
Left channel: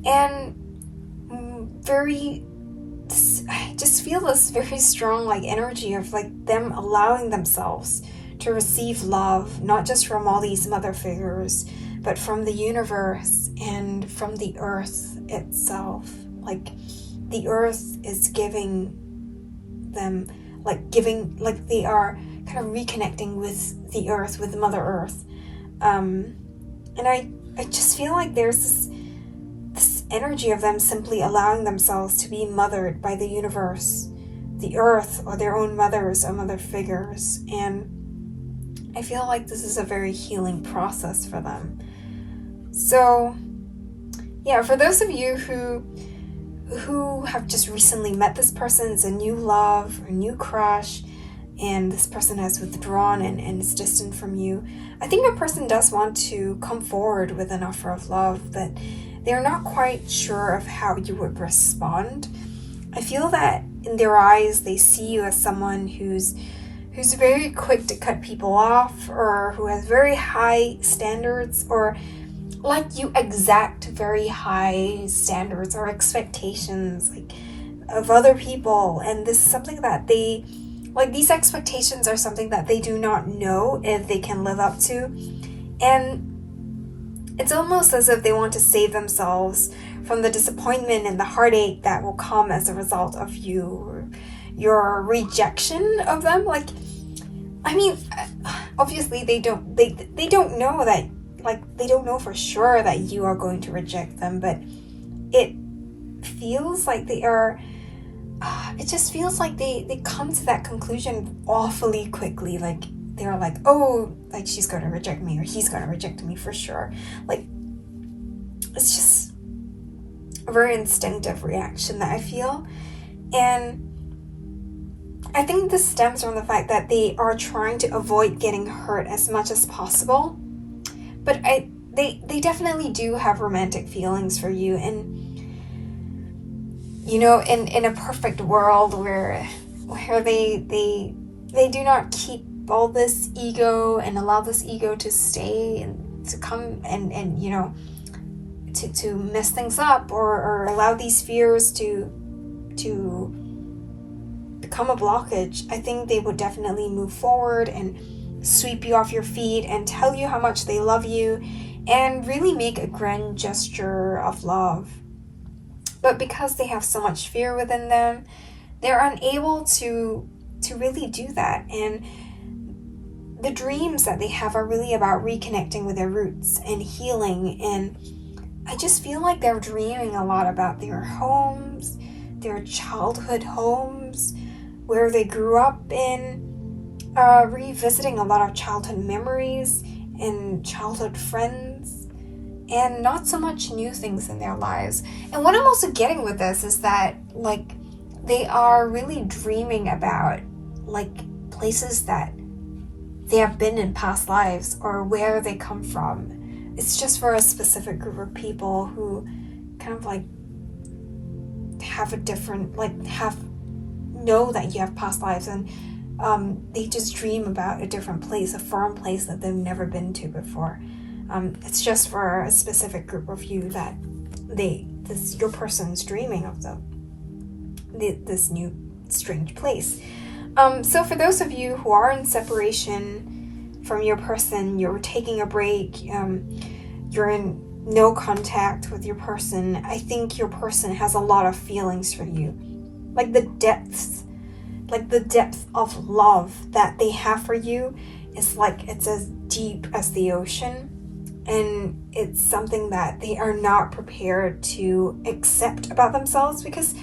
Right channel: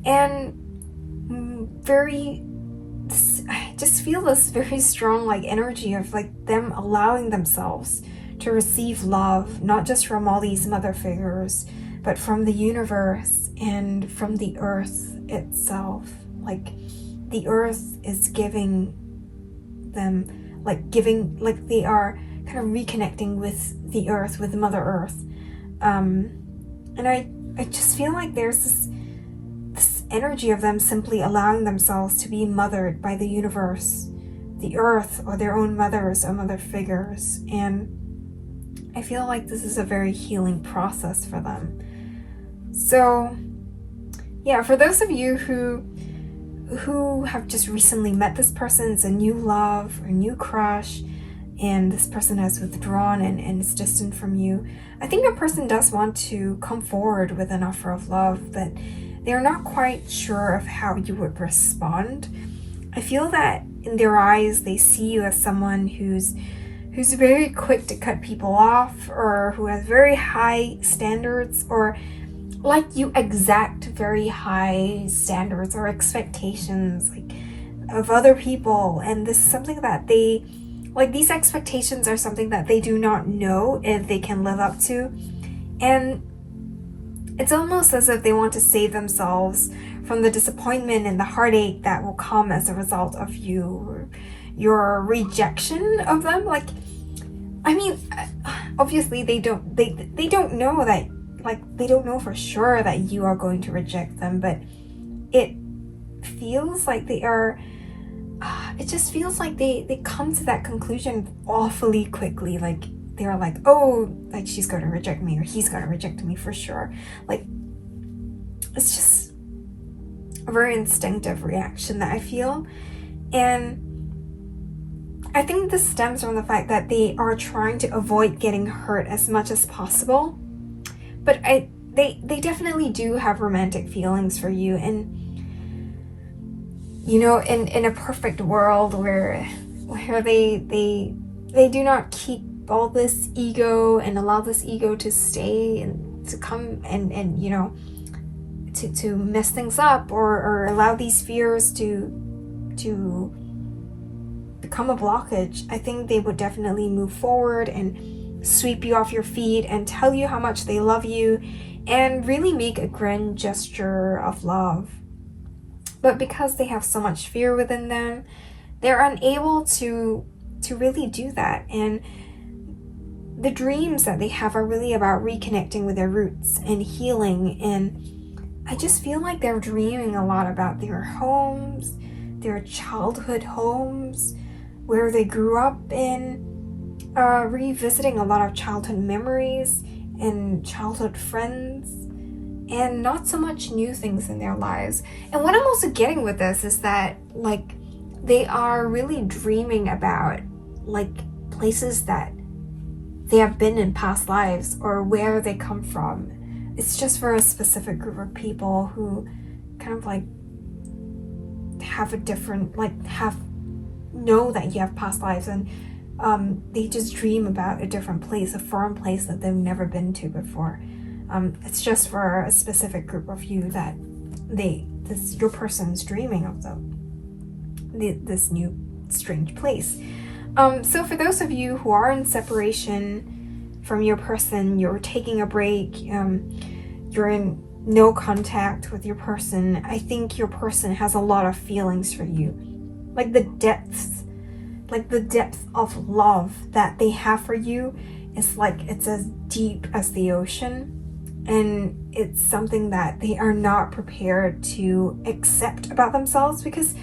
and I just feel this very strong like energy of like them allowing themselves to receive love, not just from all these mother figures, but from the universe and from the earth itself. Like the earth is giving them like they are kind of reconnecting with the earth, with Mother Earth. And I just feel like there's this energy of them simply allowing themselves to be mothered by the universe, the earth, or their own mothers or mother figures. And I feel like this is a very healing process for them. So yeah, for those of you who have just recently met this person, it's a new love or new crush, and this person has withdrawn and is distant from you, I think a person does want to come forward with an offer of love, but they're not quite sure of how you would respond. I feel that in their eyes, they see you as someone who's very quick to cut people off, or who has very high standards, or like you exact very high standards or expectations like of other people. And this is something that these expectations are something that they do not know if they can live up to. And it's almost as if they want to save themselves from the disappointment and the heartache that will come as a result of your rejection of them. Like, I mean, obviously they don't know that, like, they don't know for sure that you are going to reject them, but it feels like they are, it just feels like they come to that conclusion awfully quickly. Like they're like, oh, like she's going to reject me, or he's going to reject me for sure. Like it's just a very instinctive reaction that I feel. And I think this stems from the fact that they are trying to avoid getting hurt as much as possible. But they definitely do have romantic feelings for you. And you know, in a perfect world where they do not keep all this ego and allow this ego to stay and to come and you know, to mess things up or allow these fears to become a blockage, I think they would definitely move forward and sweep you off your feet and tell you how much they love you and really make a grand gesture of love. But because they have so much fear within them, they're unable to really do that. And the dreams that they have are really about reconnecting with their roots and healing. And I just feel like they're dreaming a lot about their homes, their childhood homes, where they grew up in, revisiting a lot of childhood memories and childhood friends, and not so much new things in their lives. And what I'm also getting with this is that, like, they are really dreaming about, like, places that they have been in past lives or where they come from. It's just for a specific group of people who kind of like have a different, like, know that you have past lives, and they just dream about a different place, a foreign place that they've never been to before. It's just for a specific group of you that your person's dreaming of this new strange place. So for those of you who are in separation from your person, you're taking a break, you're in no contact with your person, I think your person has a lot of feelings for you. Like the depth of love that they have for you is like, it's as deep as the ocean. And it's something that they are not prepared to accept about themselves because,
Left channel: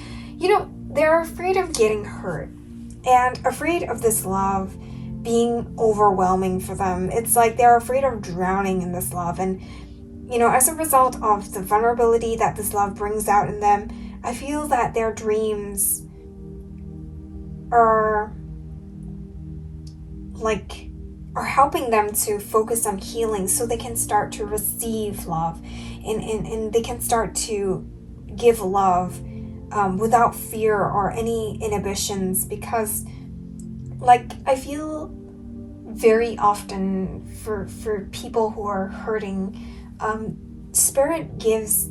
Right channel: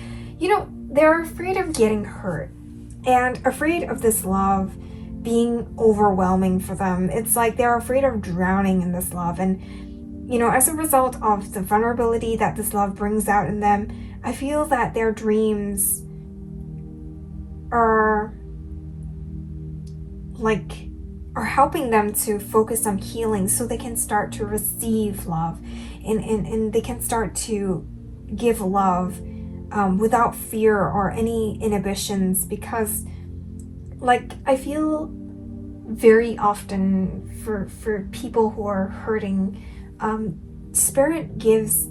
they're afraid of getting hurt and afraid of this love being overwhelming for them. It's like they're afraid of drowning in this love. And, as a result of the vulnerability that this love brings out in them, I feel that their dreams are helping them to focus on healing so they can start to receive love and they can start to give love without fear or any inhibitions. Because, I feel very often for people who are hurting, Spirit gives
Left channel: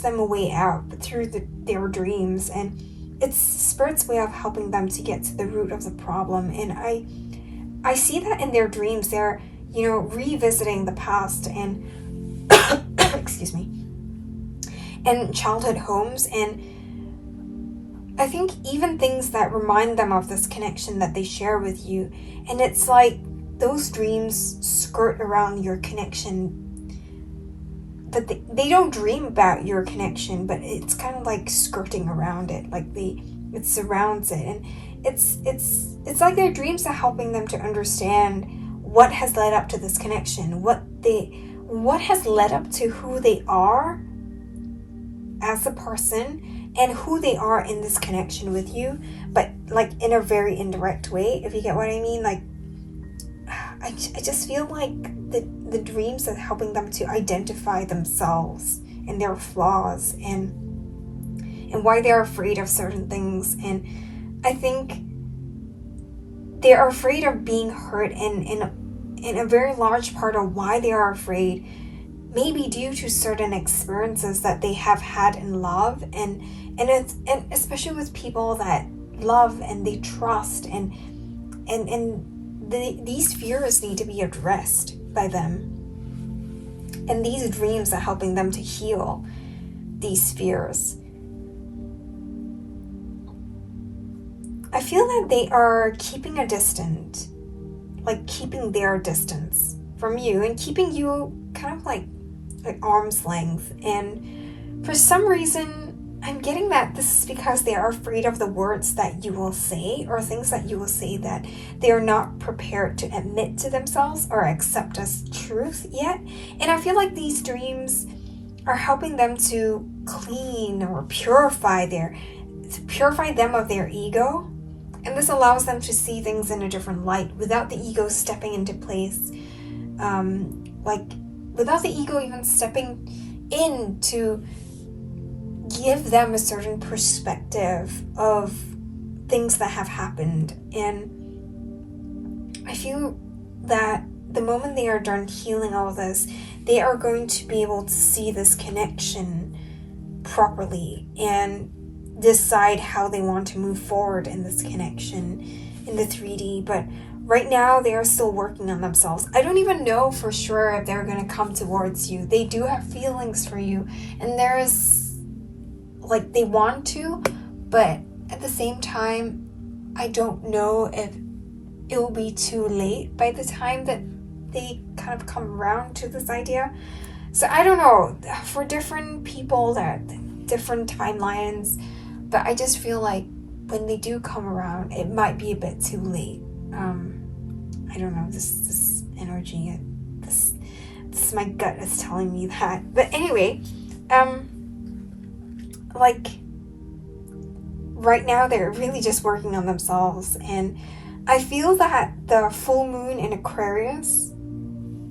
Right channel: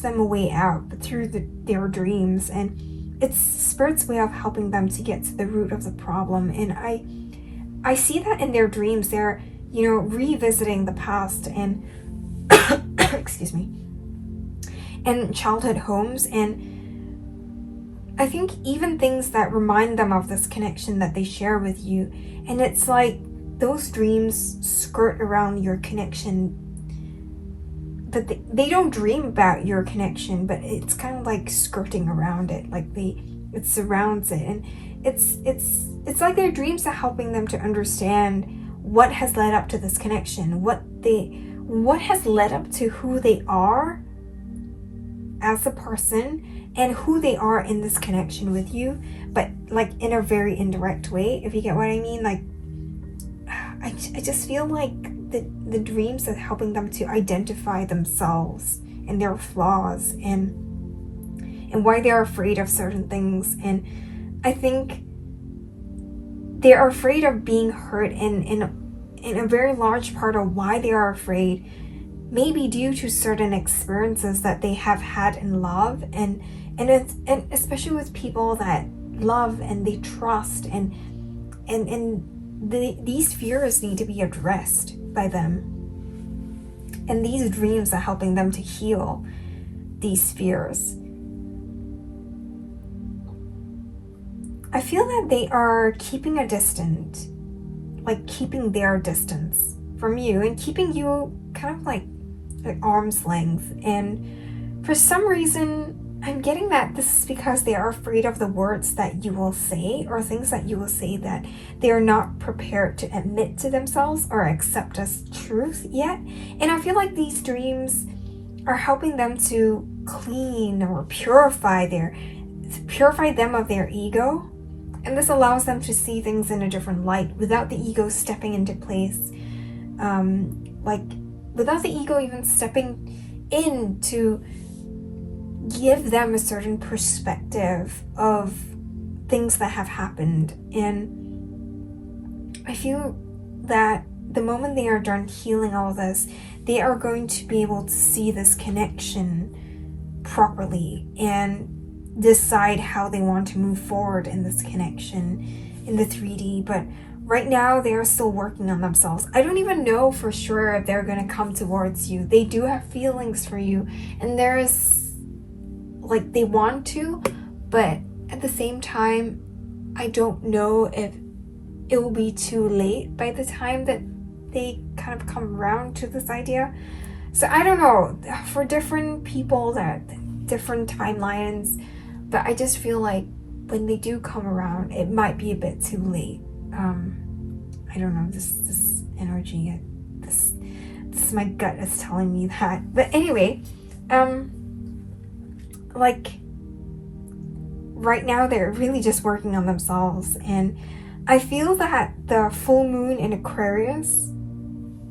them a way out through their dreams, and it's Spirit's way of helping them to get to the root of the problem. And I see that in their dreams. They're, revisiting the past and excuse me, and childhood homes, and I think even things that remind them of this connection that they share with you. And it's like those dreams skirt around your connection, but they don't dream about your connection, but it's kind of like skirting around it, like it surrounds it. And it's like their dreams are helping them to understand what has led up to this connection, what has led up to who they are as a person and who they are in this connection with you, but like in a very indirect way, if you get what I mean. Like, I just feel like the dreams are helping them to identify themselves and their flaws and why they're afraid of certain things. And I think they're afraid of being hurt, and a very large part of why they are afraid may be due to certain experiences that they have had in love, and especially with people that love and they trust, and these fears need to be addressed by them, and these dreams are helping them to heal these fears. I feel that they are keeping a distance, like keeping their distance from you and keeping you kind of like at arm's length. And for some reason, I'm getting that this is because they are afraid of the words that you will say or things that you will say that they are not prepared to admit to themselves or accept as truth yet. And I feel like these dreams are helping them to clean or purify them of their ego. And this allows them to see things in a different light without the ego stepping into place. Without the ego even stepping in to give them a certain perspective of things that have happened. And I feel that the moment they are done healing all this, they are going to be able to see this connection properly and decide how they want to move forward in this connection in the 3D. But right now they are still working on themselves. I don't even know for sure if they're going to come towards you. They do have feelings for you, and there's like they want to, but at the same time I don't know if it will be too late by the time that they kind of come around to this idea. So I don't know, for different people there are different timelines, but I just feel like when they do come around, it might be a bit too late. I don't know, this energy, this my gut is telling me that. But anyway, like right now they're really just working on themselves, and I feel that the full moon in Aquarius,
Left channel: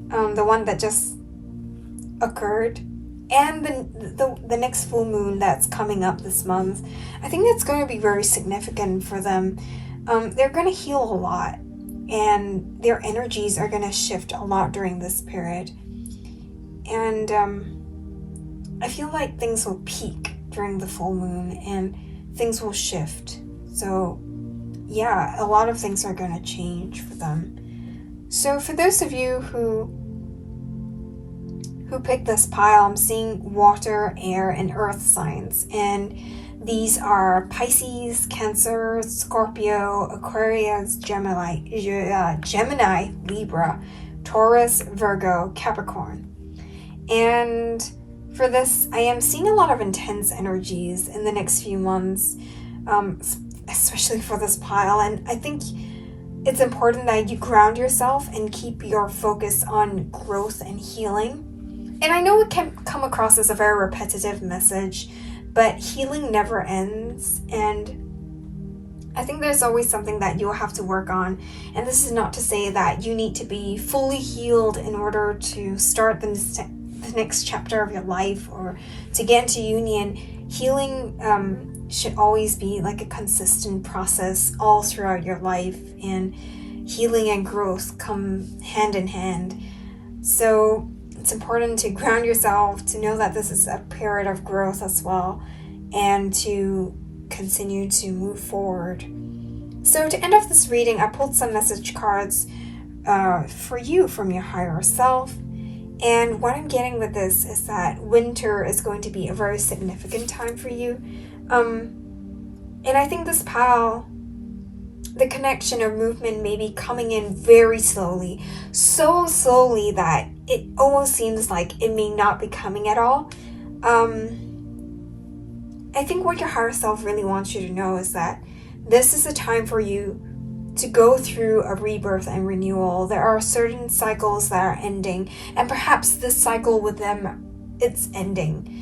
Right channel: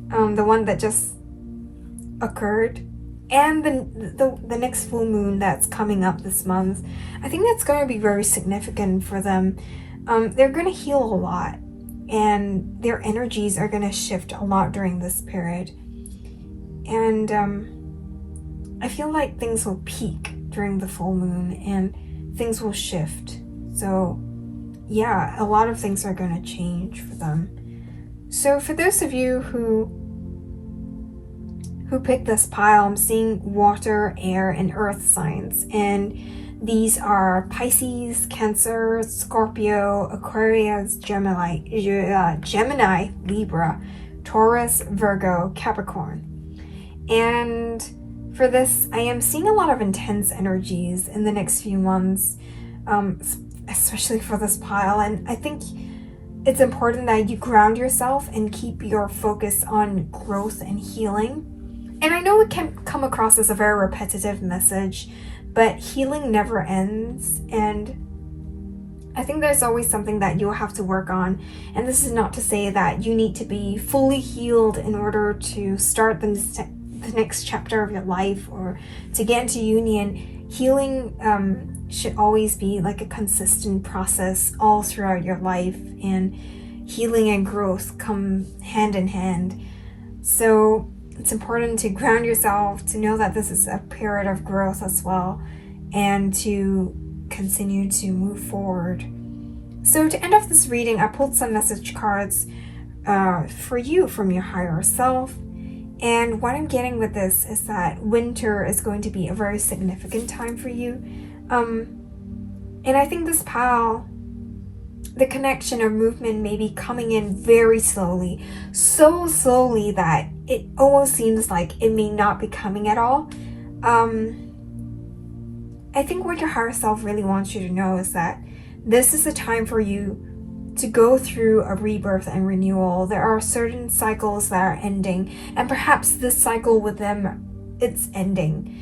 the one that just occurred, and the next full moon that's coming up this month, I think that's going to be very significant for them. They're going to heal a lot, and their energies are going to shift a lot during this period. And I feel like things will peak during the full moon, and things will shift. So yeah, a lot of things are going to change for them. So for those of you who picked this pile, I'm seeing water, air, and earth signs. And these are Pisces, Cancer, Scorpio, Aquarius, Gemini, Libra, Taurus, Virgo, Capricorn. And for this, I am seeing a lot of intense energies in the next few months, especially for this pile. And I think it's important that you ground yourself and keep your focus on growth and healing. And I know it can come across as a very repetitive message, but healing never ends. And I think there's always something that you'll have to work on. And this is not to say that you need to be fully healed in order to start the next chapter of your life or to get into union. Healing should always be like a consistent process all throughout your life, and healing and growth come hand in hand. So it's important to ground yourself, to know that this is a period of growth as well, and to continue to move forward. So to end off this reading, I pulled some message cards for you from your higher self. And what I'm getting with this is that winter is going to be a very significant time for you. And I think this pile, the connection or movement may be coming in very slowly. So slowly that it almost seems like it may not be coming at all. I think what your higher self really wants you to know is that this is a time for you to go through a rebirth and renewal. There are certain cycles that are ending, and perhaps this cycle with them, it's ending.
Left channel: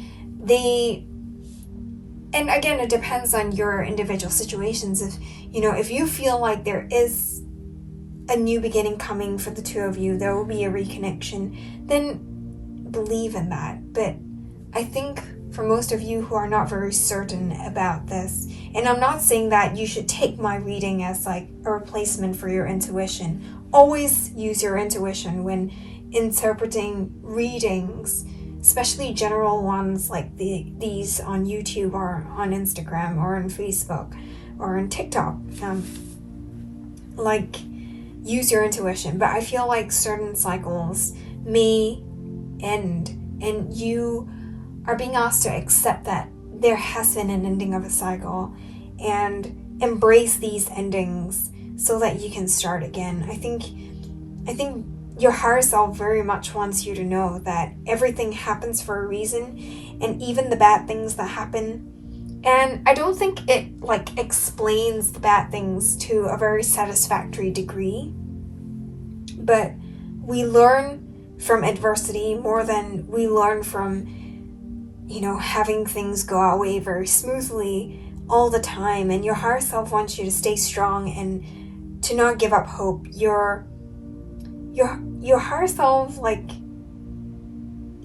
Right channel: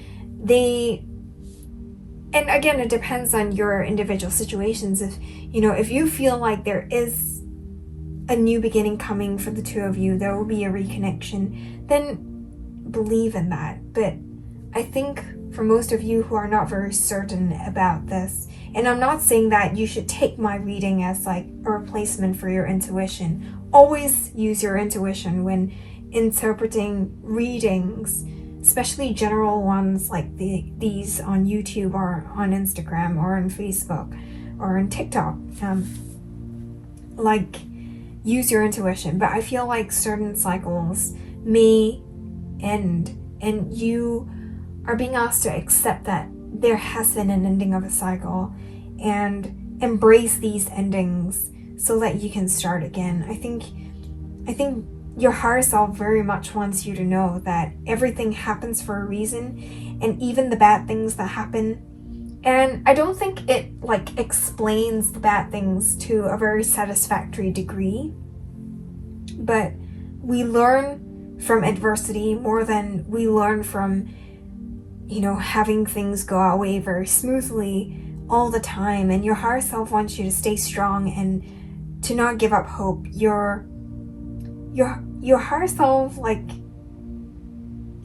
And again, it depends on your individual situations. If you feel like there is a new beginning coming for the two of you, there will be a reconnection, then believe in that. But I think for most of you who are not very certain about this, and I'm not saying that you should take my reading as like a replacement for your intuition. Always use your intuition when interpreting readings, especially general ones like these on YouTube or on Instagram or on Facebook or on TikTok. Use your intuition. But I feel like certain cycles may end, and you are being asked to accept that there has been an ending of a cycle and embrace these endings so that you can start again. I think your higher self very much wants you to know that everything happens for a reason, and even the bad things that happen. And I don't think it explains the bad things to a very satisfactory degree, but we learn from adversity more than we learn from having things go our way very smoothly all the time. And your higher self wants you to stay strong and to not give up hope. Your higher self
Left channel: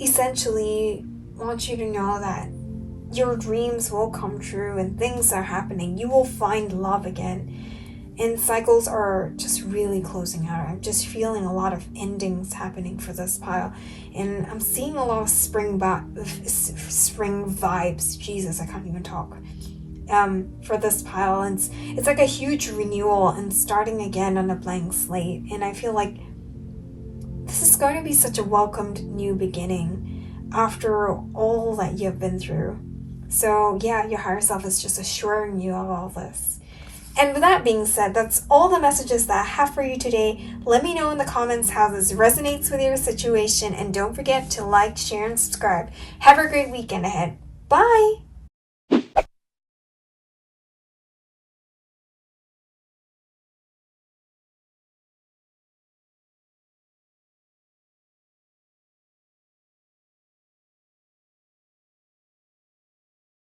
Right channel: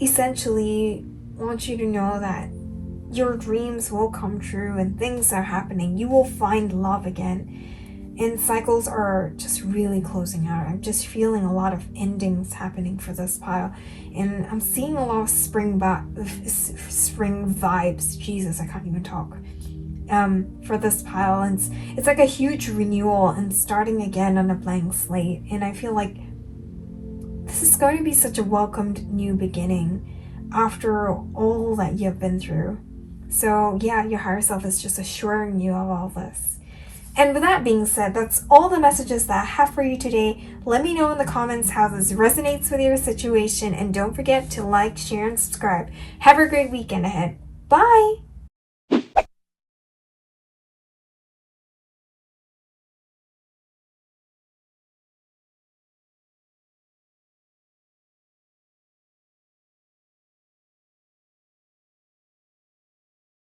essentially wants you to know that your dreams will come true and things are happening. You will find love again. And cycles are just really closing out. I'm just feeling a lot of endings happening for this pile. And I'm seeing a lot of spring vibes. Jesus, I can't even talk. For this pile. And it's like a huge renewal and starting again on a blank slate. And I feel like this is going to be such a welcomed new beginning after all that you've been through. So yeah, your higher self is just assuring you of all this. And with that being said, that's all the messages that I have for you today. Let me know in the comments how this resonates with your situation, and don't forget to like, share, and subscribe. Have a great weekend ahead. Bye!